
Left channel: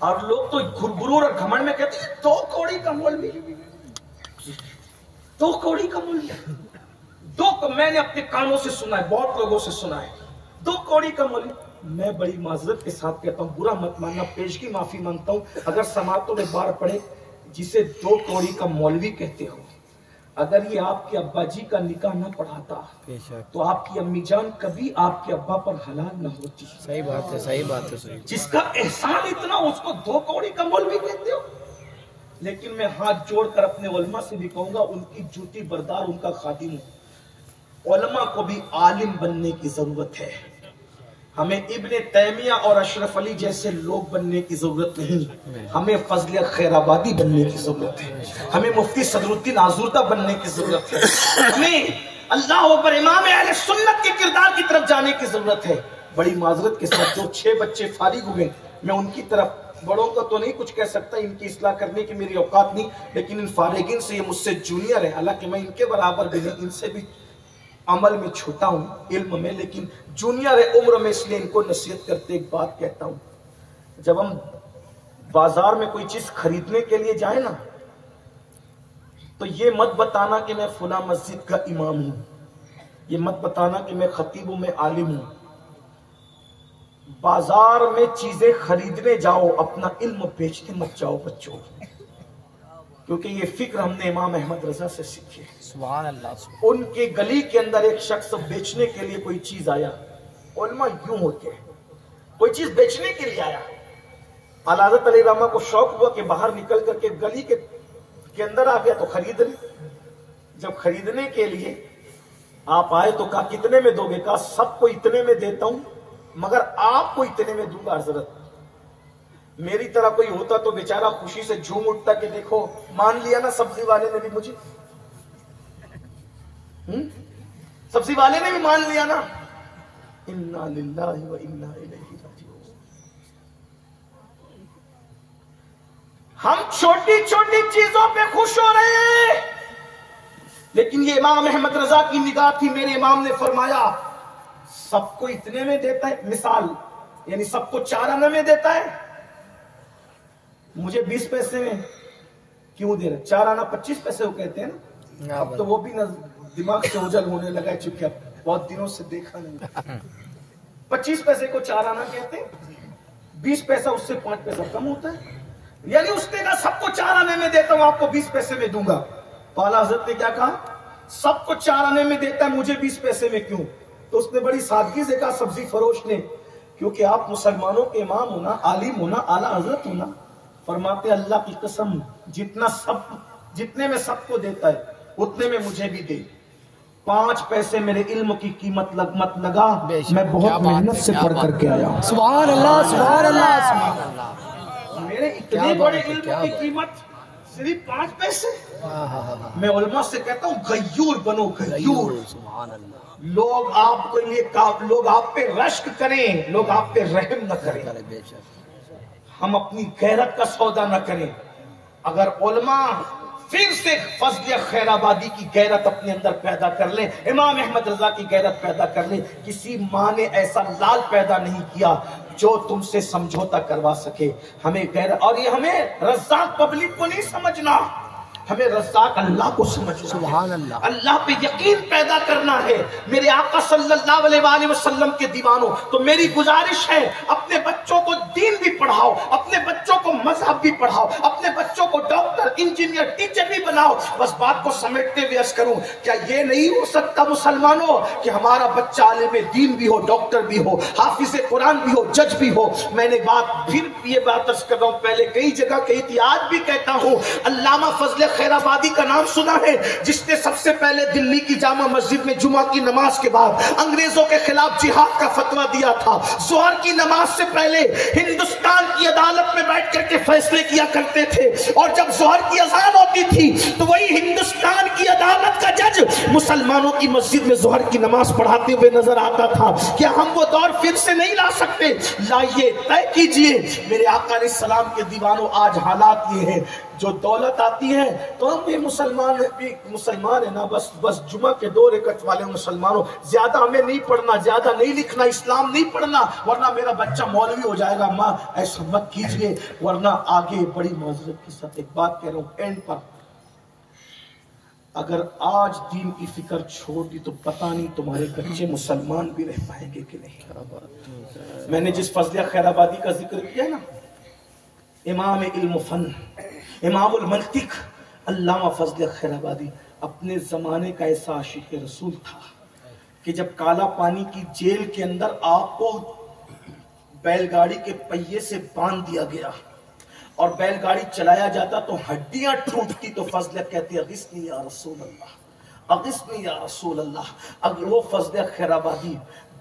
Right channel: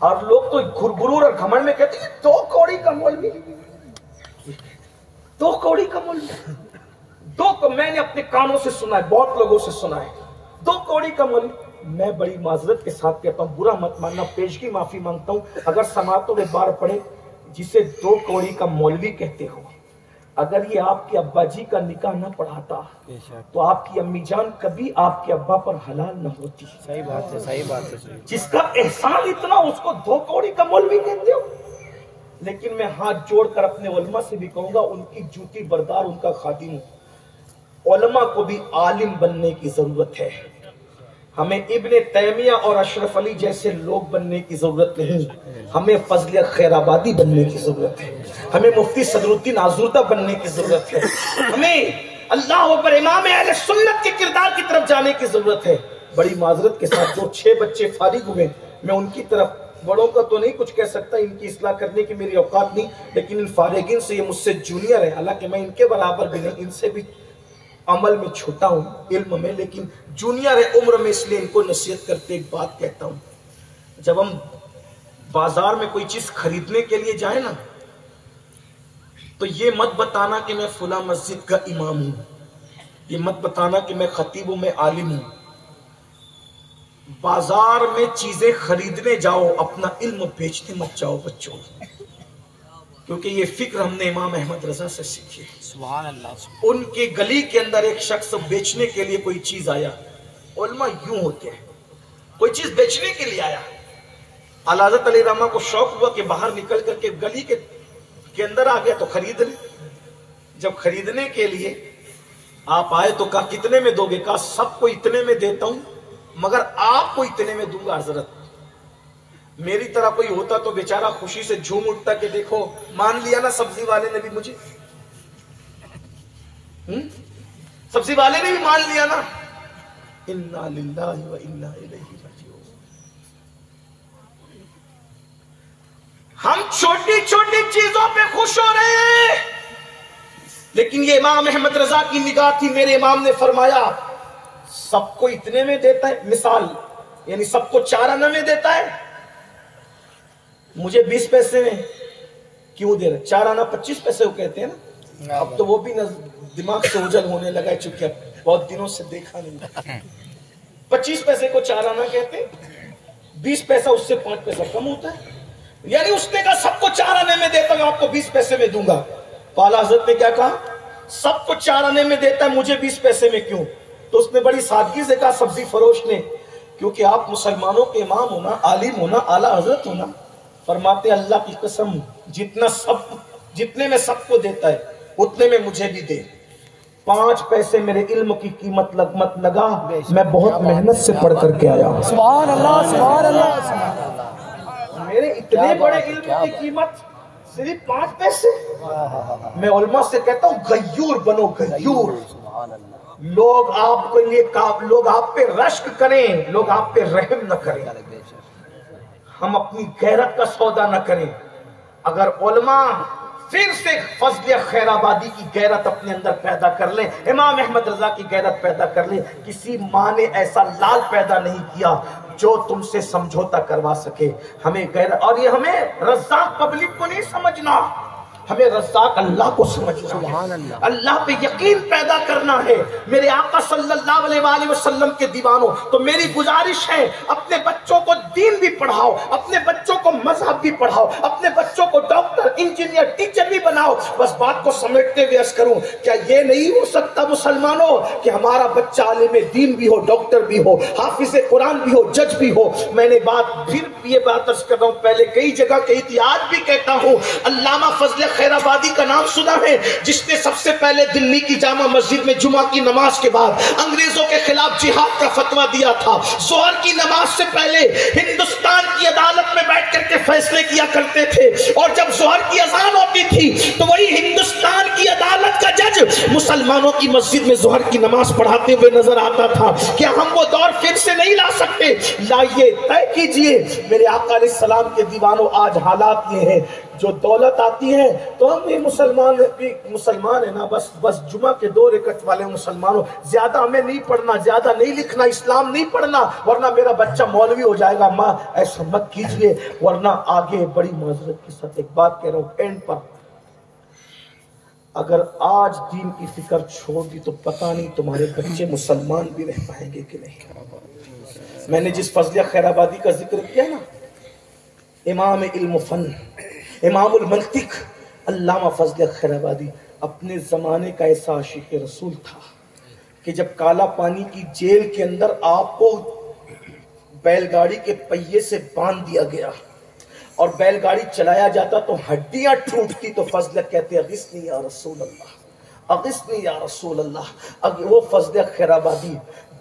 اور لوگ تو غرور اور گھمنڈ میں کہتے ہیں 2 کوڑی کا مولوی، 2 کوڑی کا مولوی، میں نے اپنے کانوں سے سنا ہے، بہت لوگوں سے سنا ہے 2 کوڑی کا مولوی۔ میں بڑی معذرت کے ساتھ کہتا ہوں، برا مت ماننا، پیشگی معافی مانگتا ہوں اگر سماعتوں میں بار پڑے، جسے 2 کوڑی کا مولوی کہتے ہو، اگر یہ آپ کے ابا جی کا نکاح نہ پڑھاتا تو آپ کی امی جان کبھی آپ کے ابا پر حلال نہ ہوتی۔ صحیح بات ہے، صحیح بات ہے، صحیح۔ جس کا احسان اتنا اس کو 2 کوڑی کا مولوی کہتے ہو۔ لیکن میں ہاتھ جوڑ کر اپنے علماء سے بھی کہوں گا، ان کی جوتی بردار، ان کا خادم ہوں، علماء کو بھی عالم بننے کی ضرورت ہے۔ ہمیں ابن تیمیہ اور اشرف علی جیسے لوگ بننے کی ضرورت نہیں، ہمیں فضل خیر آبادی بننے کی ضرورت ہے، ہمیں مفتی صدر الدین آزردہ بننے کی ضرورت ہے، ہمیں اللہ اکبر امام اہل سنت کے کردار کی طرف جانے کی ضرورت ہے۔ بڑی معذرت کے ساتھ جو 6 بچے فارغ ہوئے میں ان کی طرف، بڑوں کا تو نہیں کچھ کہہ سکتا، ان کی اصلاح کرنے کی میری اوقات نہیں، لیکن ان فارغین سے، یہ مجھ سے جونیئر ہے، حالانکہ میں ان کے برابر بھی نہیں، ان سے بھی عمل میں چھوٹا ہوں، علم میں، لیکن جونیئر ہے عمر میں، اس لیے ان کو نصیحت کرتے ایک بات کہتا ہوں، جب ہم بازار میں کوئی چیز خریدنے کے لیے جائیں نا، تو یہ مت بتانا کہ میں فلاں مسجد کا امام ہوں، یہ مت بتانا کہ میں خطیب ہوں، میں عالم ہوں۔ بازار میں چیزیں خریدنے جاؤ، اپنا علم بیچنے مت جاؤ بچوں، کیونکہ یہ فکر ہم نے امام احمد رضا سے سیکھی ہے۔ سبحان اللہ۔ ان کے گلی کے اندر ایک شخص بیچنے کے لیے کوئی چیز آیا، علماء یوں ہوتے ہیں، کوئی چیز بیچنے کے لیے آیا، اعلیٰ حضرت علیہ رحمہ کو شوق ہوا کہ باہر نکل کر کے گلی کے اندر آ گیا تو خرید لے۔ جب خریدنے کے لیے آپ آئے تو کہا کتنے میں دو گے؟ کہا سب کو اتنے میں دیتا ہوں، مگر آپ کو اتنے میں دوں گا حضرت۔ میری طرح کوئی ہوتا تو بیچارہ خوشی سے جھوم اٹھتا کہ دیکھو مان لیا نا سبزی والے نے بھی مجھے، سبزی والے نے بھی مان لیا نا۔ انا للہ و انا الیہ راجعون۔ ہم چھوٹی چھوٹی چیزوں پہ خوش ہو رہے ہیں، لیکن یہ امام احمد رضا کی نگاہ تھی۔ میرے امام نے فرمایا سب کو اتنے میں دیتا ہے، مثال یعنی سب کو 4 آنے میں دیتا ہے، مجھے 20 پیسے میں کیوں دے رہے؟ 4 آنا 25 پیسے وہ کہتے ہیں نا، اب تو وہ بھی دماغ سے اوجھل ہونے لگا ہے، چونکہ اب بہت دنوں سے دیکھا نہیں۔ 25 پیسے کو 4 آنا کہتے ہیں، 20 پیسہ اس سے 5 پیسہ کم ہوتا ہے، یعنی اس نے کہا سب کو 4 آنے میں دیتا ہوں، آپ کو 20 پیسے میں دوں گا۔ اعلیٰ حضرت نے کیا کہا؟ سب کو 4 آنے میں دیتا ہے، مجھے 20 پیسے میں کیوں؟ تو اس نے بڑی سادگی سے کہا سبزی فروش نے، کیونکہ آپ مسلمانوں کے امام ہونا، عالم ہونا، اعلیٰ حضرت ہونا، فرماتے اللہ کی قسم جتنے میں سب کو دیتا ہے اتنے میں مجھے بھی دے، 5 پیسے میرے علم کی قیمت مت لگا، میں بہت محنت سے پڑھ کر کے آیا۔ سبحان اللہ، سبحان اللہ، سبحان اللہ۔ میرے اتنے بڑے علم کی قیمت صرف 5 پیسے۔ میں علماء سے کہتا ہوں غیور بنو، غیور۔ لوگ آپ کو لیے لوگ آپ پہ رشک کریں، لوگ آپ پہ رحم نہ کریں، ہم اپنی غیرت کا سودا نہ کریں۔ اگر علماء پھر سے فضل خیر آبادی کی غیرت اپنے اندر پیدا کر لیں، امام احمد رضا کی غیرت پیدا کر لیں، کسی ماں نے ایسا لال پیدا نہیں کیا جو تم سے سمجھوتا کروا سکے۔ ہمیں غیرت، اور یہ ہمیں رزاق پبلک کو نہیں سمجھنا، ہمیں رزاق اللہ کو سمجھنا ہے، اللہ پہ یقین پیدا کرنا ہے۔ میرے آقا صلی اللہ علیہ وآلہ وسلم کے دیوانوں، تو میری گزارش ہے اپنے بچوں کو دین بھی پڑھاؤ، اپنے بچوں کو مذہب بھی پڑھاؤ، اپنے بچوں کو ڈاکٹر، انجینئر، ٹیچر بھی بناؤ۔ بس بات کو سمیٹتے ہوئے عرض کروں، کیا یہ نہیں ہو سکتا مسلمانوں کہ ہمارا بچہ عالم دین بھی ہو، ڈاکٹر بھی ہو، حافظ قرآن بھی ہو، جج بھی ہو؟ میں نے یہ بات عرض کر رہا ہوں، پہلے کئی جگہ کہی تھی، آج بھی کہتا ہوں، علامہ فضل خیر آبادی کا نام سنا ہے، جس نے سب سے پہلے دلی کی جامع مسجد میں جمعہ کی نماز کے بعد انگریزوں کے خلاف جہاد کا فتویٰ دیا تھا۔ ظہر کی نماز سے پہلے ہندوستان کی عدالت میں بیٹھ کر کے فیصلے کیا کرتے تھے، اور جب ظہر کی اذان ہوتی تھی تو وہی ہندوستان کی عدالت کا جج مسلمانوں کی مسجد میں ظہر کی نماز پڑھاتے ہوئے نظر آتا تھا۔ کیا ہم وہ دور پھر سے نہیں لا سکتے؟ لائیے، طے کیجئے۔ میرے آقا علیہ السلام کے دیوانوں، آج حالات یہ ہیں، جو دولت آتی ہے تو ہم بھی مسلمان ہیں نا، بس جمعہ کے 2 رکعت والے مسلمانوں، زیادہ ہمیں نہیں پڑھنا، زیادہ نہیں لکھنا، اسلام نہیں پڑھنا، ورنہ میرا بچہ مولوی ہو جائے گا۔ ماں ایسا مت کیجئے، ورنہ آگے بڑی معذرت کے ساتھ ایک بات کہہ رہا ہوں اینڈ پر، اگر آج دین کی فکر چھوڑ دی تو پتہ نہیں تمہارے بچے مسلمان بھی رہ پائیں گے کہ نہیں۔ میں نے جس فضل خیر آبادی کا ذکر کیا نا، امام علم و فن، امام المنطق علامہ فضل خیر آبادی اپنے زمانے کا ایسا عاشق رسول تھا کہ جب کالا پانی کی جیل کے اندر آپ کو بیل گاڑی کے پہیے سے باندھ دیا گیا اور بیل گاڑی چلایا جاتا تو ہڈیاں ٹوٹتی، تو فضل کہتے اغثنی یا رسول اللہ، اغثنی یا رسول اللہ۔ وہ فضل خیر آبادی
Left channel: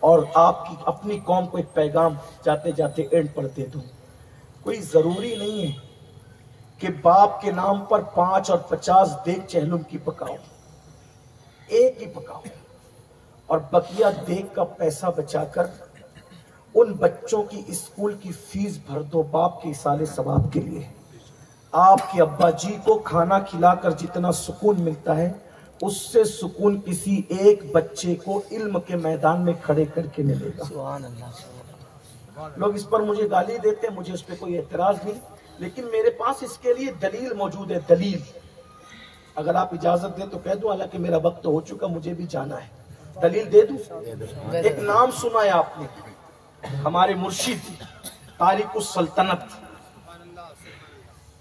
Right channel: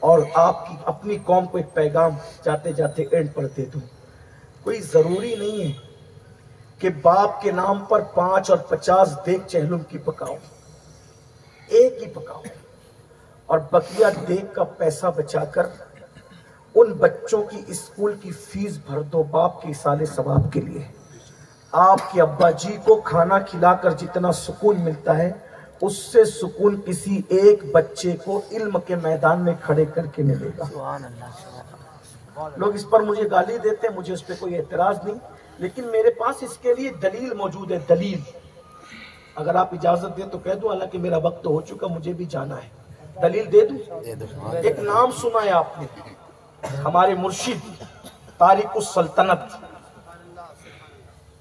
اور آپ کی اپنی قوم کو ایک پیغام جاتے جاتے اینڈ پر دے دوں. کوئی ضروری نہیں ہے کہ باپ کے نام پر 5 اور 50 دیگ چہلم کی پکاؤ، ایک ہی پکاؤ اور بقیہ دیگ کا پیسہ بچا کر ان بچوں کی اسکول کی فیس بھر دو باپ کے ایصال ثواب کے لیے. آپ کے ابا جی کو کھانا کھلا کر جتنا سکون ملتا ہے اس سے سکون کسی ایک بچے کو علم کے میدان میں کھڑے کر کے ملے گا. لوگ اس پر مجھے گالی دیتے ہیں، مجھے اس پہ کوئی اعتراض نہیں، لیکن میرے پاس اس کے لیے دلیل موجود ہے. دلیل اگر آپ اجازت دیں تو کہہ دوں، حالانکہ میرا وقت تو ہو چکا، مجھے بھی جانا ہے. دلیل دے دوں؟ ایک نام سنا ہے آپ نے، ہمارے مرشد تارک السلطنت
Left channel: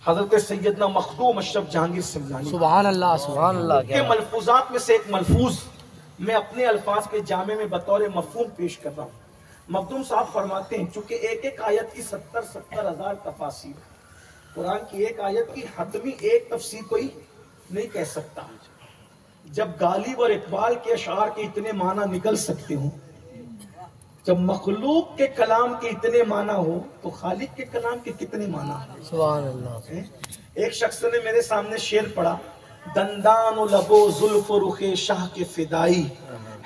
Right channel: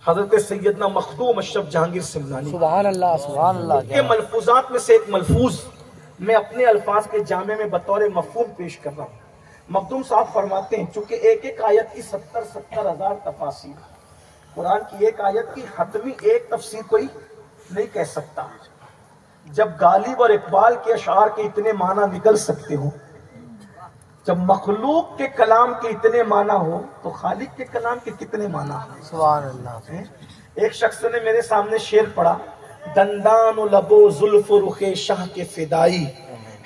حضرت سیدنا مخدوم اشرف جہانگیر سنگھانی، سبحان اللہ سبحان اللہ. کے ملفوظات میں سے ایک ملفوظ میں اپنے الفاظ کے جامع میں بطور مفہوم پیش کر رہا ہوں. مخدوم صاحب فرماتے ہیں چونکہ ایک ایک آیت کی 70 ہزار تفاسیر، قرآن کی ایک آیت کی حتمی ایک تفسیر کوئی نہیں کہہ سکتا. جب غالب اور اقبال کے اشعار کے اتنے معنی نکل سکتے ہوں، جب مخلوق کے کلام کے اتنے معنی ہو تو خالق کے کلام کے کتنے معنی ہو. سبحان اللہ. ایک شخص نے میرے سامنے شعر پڑھا، دندان و لب و زلف و رخ شاہ کے فدائی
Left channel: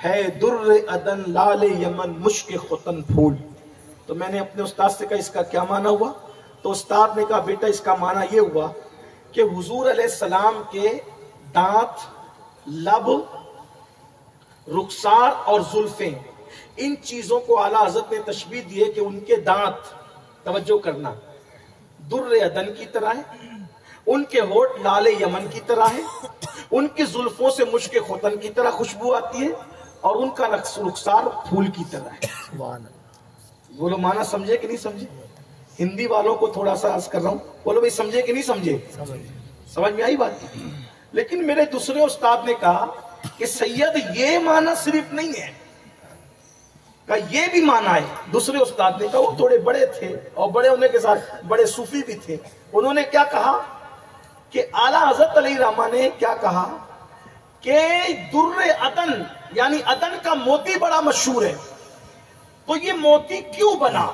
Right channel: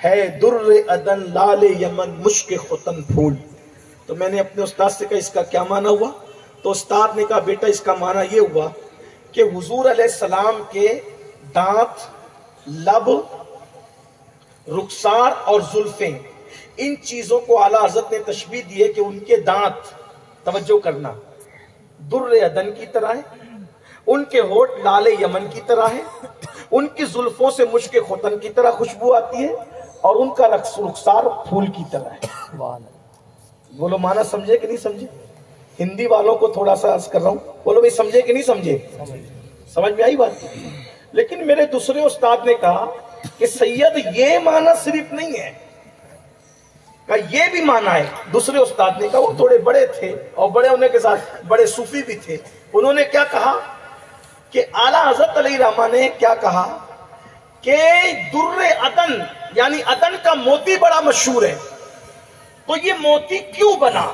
ہے در عدن لال یمن مشک ختن پھول. تو میں نے اپنے استاد سے کہا اس کا کیا معنی ہوا؟ تو استاد نے کہا بیٹا اس کا معنی یہ ہوا کہ حضور علیہ السلام کے دانت، لب، رخسار اور زلفیں، ان چیزوں کو اعلیٰ حضرت نے تشبیہ دی ہے کہ ان کے دانت، توجہ کرنا، در عدن کی طرح ہے، ان کے ہونٹ لال یمن کی طرح ہے، ان کی زلفوں سے مشک ختن کی طرح خوشبو آتی ہے، اور ان کا رخسار پھول کی طرح ہے. بولو معنی سمجھے کہ نہیں سمجھے؟ ہندی والوں کو تھوڑا سا عرض کر رہا ہوں، بولو بھائی سمجھے کہ نہیں سمجھے؟ سمجھ میں آئی بات؟ لیکن میرے دوسرے استاد نے کہا کہ سید یہ معنی صرف نہیں ہے، کہا یہ بھی معنی ہے. دوسرے استاد نے کہا، وہ تھوڑے بڑے تھے اور بڑے ہونے کے ساتھ بڑے صوفی بھی تھے، انہوں نے کیا کہا کہ اعلیٰ حضرت علیہ رحمہ نے کیا کہا کہ در عدن یعنی عدن کا موتی بڑا مشہور ہے. تو یہ موتی کیوں بنا؟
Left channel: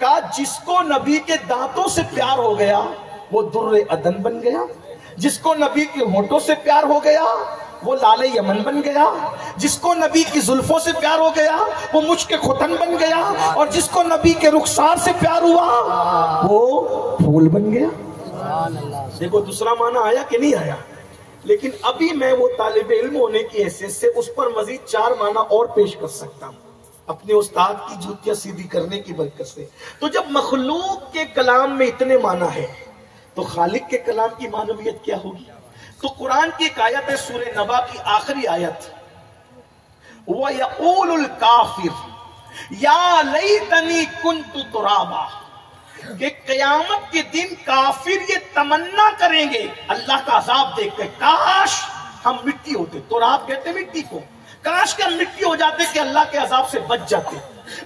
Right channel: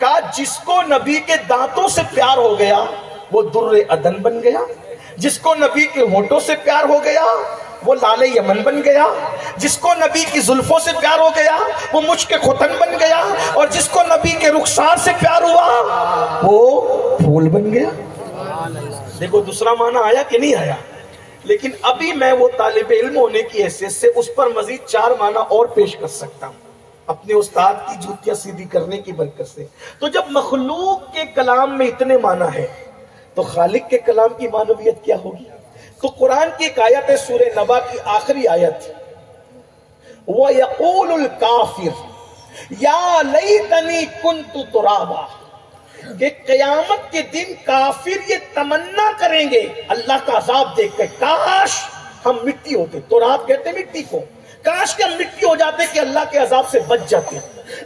کہا جس کو نبی کے دانتوں سے پیار ہو گیا وہ در عدن بن گیا، جس کو نبی کے ہونٹوں سے پیار ہو گیا وہ لال یمن بن گیا، جس کو نبی کی زلفوں سے پیار ہو گیا وہ مشک ختن بن گیا، اور جس کو نبی کے رخسار سے پیار ہوا وہ پھول بن گیا. دیکھو دوسرا معنی آیا کہ نہیں آیا؟ لیکن ابھی میں وہ طالب علم ہونے کی حیثیت سے اس پر مزید 4 معنی اور پیش کر سکتا ہوں اپنے استاد کی جوتیاں سیدھی کرنے کی برکت سے. تو جب مخلوق کے کلام میں اتنے معنی ہے تو خالق کے کلام کی معنویت کیا ہوگی؟ تو قرآن کی ایک آیت ہے سورہ نبا کی آخری آیت، وَيَقُولُ الْكَافِرُ يَا لَيْتَنِي كُنْتُ تُرَابًا، کہ قیامت کے دن کافر یہ تمنا کریں گے اللہ کا عذاب دیکھ کر، کاش ہم مٹی ہوتے. تراب کہتے مٹی کو، کاش کہ ہم مٹی ہو جاتے کہ اللہ کے عذاب سے بچ جاتے.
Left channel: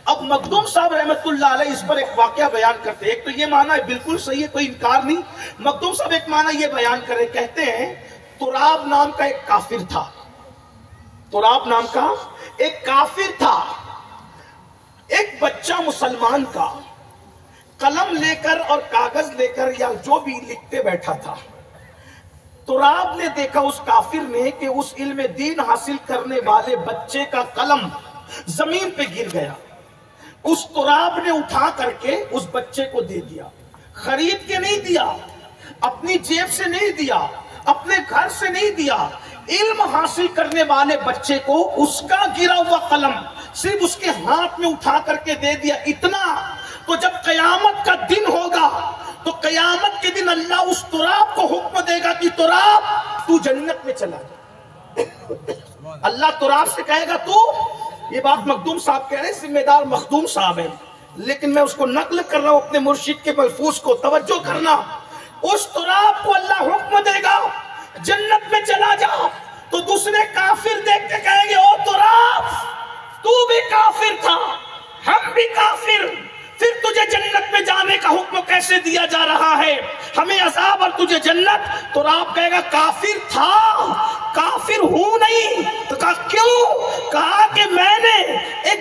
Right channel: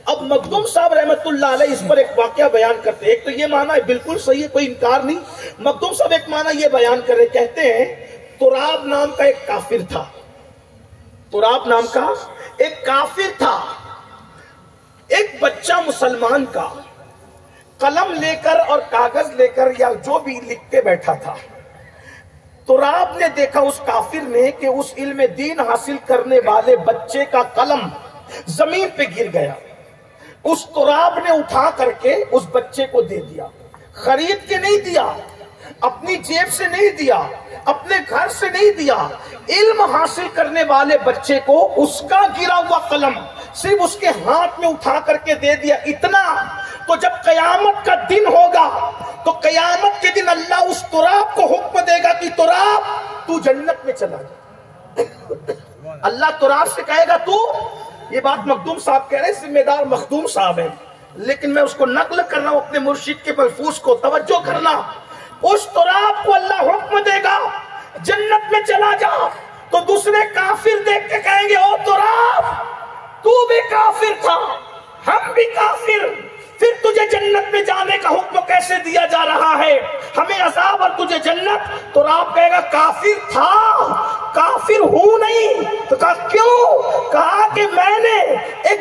اب مخدوم صاحب رحمت اللہ علیہ اس پر ایک واقعہ بیان کرتے ہیں. ایک تو یہ معنی ہے بالکل صحیح ہے، کوئی انکار نہیں. مخدوم صاحب ایک معنی یہ بیان کر رہے، کہتے ہیں تراب نام کا ایک کافر تھا، تراب نام کا ایک کافر تھا، ایک بچہ مسلمان کا قلم لے کر اور کاغذ لے کر یا جو بھی لکھتے بیٹھا تھا. تراب نے دیکھا اس کافر نے کہ اس علم دین حاصل کرنے والے بچے کا قلم زمین پہ گر گیا. اس تراب نے اٹھا کر کے اس بچے کو دے دیا، خرید کے نہیں دیا، اپنی جیب سے نہیں دیا، اپنے گھر سے نہیں دیا، علم حاصل کرنے والے بچے کو اس کا گرا ہوا قلم صرف اس کے ہاتھ میں اٹھا کر کے دے دیا. اتنا تو جب قیامت کا دن ہوگا تو قیامت کے دن اللہ اس تراب کو حکم دے گا کہ تراب تو جنت میں چلا جا. اللہ تراب سے کہے گا تو، یہ بات مخدوم صاحب کہہ رہے ہیں، ذمہ دار مخدوم صاحب ہیں، لیکن میں اس کو نقل کر رہا ہوں اپنے مرشد کے ملفوظ کو، توجہ کرنا. اس تراب کو اللہ حکم دے گا جنت میں چلا جا. تو دوسرے کافر دیکھ کے کہیں گے او تراب تو بھی کافر تھا، ہم بھی کافر، پھر تجھے جنت میں جانے کا حکم کیسے دیا جا رہا ہے؟ ہمیں عذاب اور تجھے جنت. تو آپ کہے گا کافر تھا، کافر ہوں نہیں. تو کہا کیوں؟ کہا کہ میں نے ایک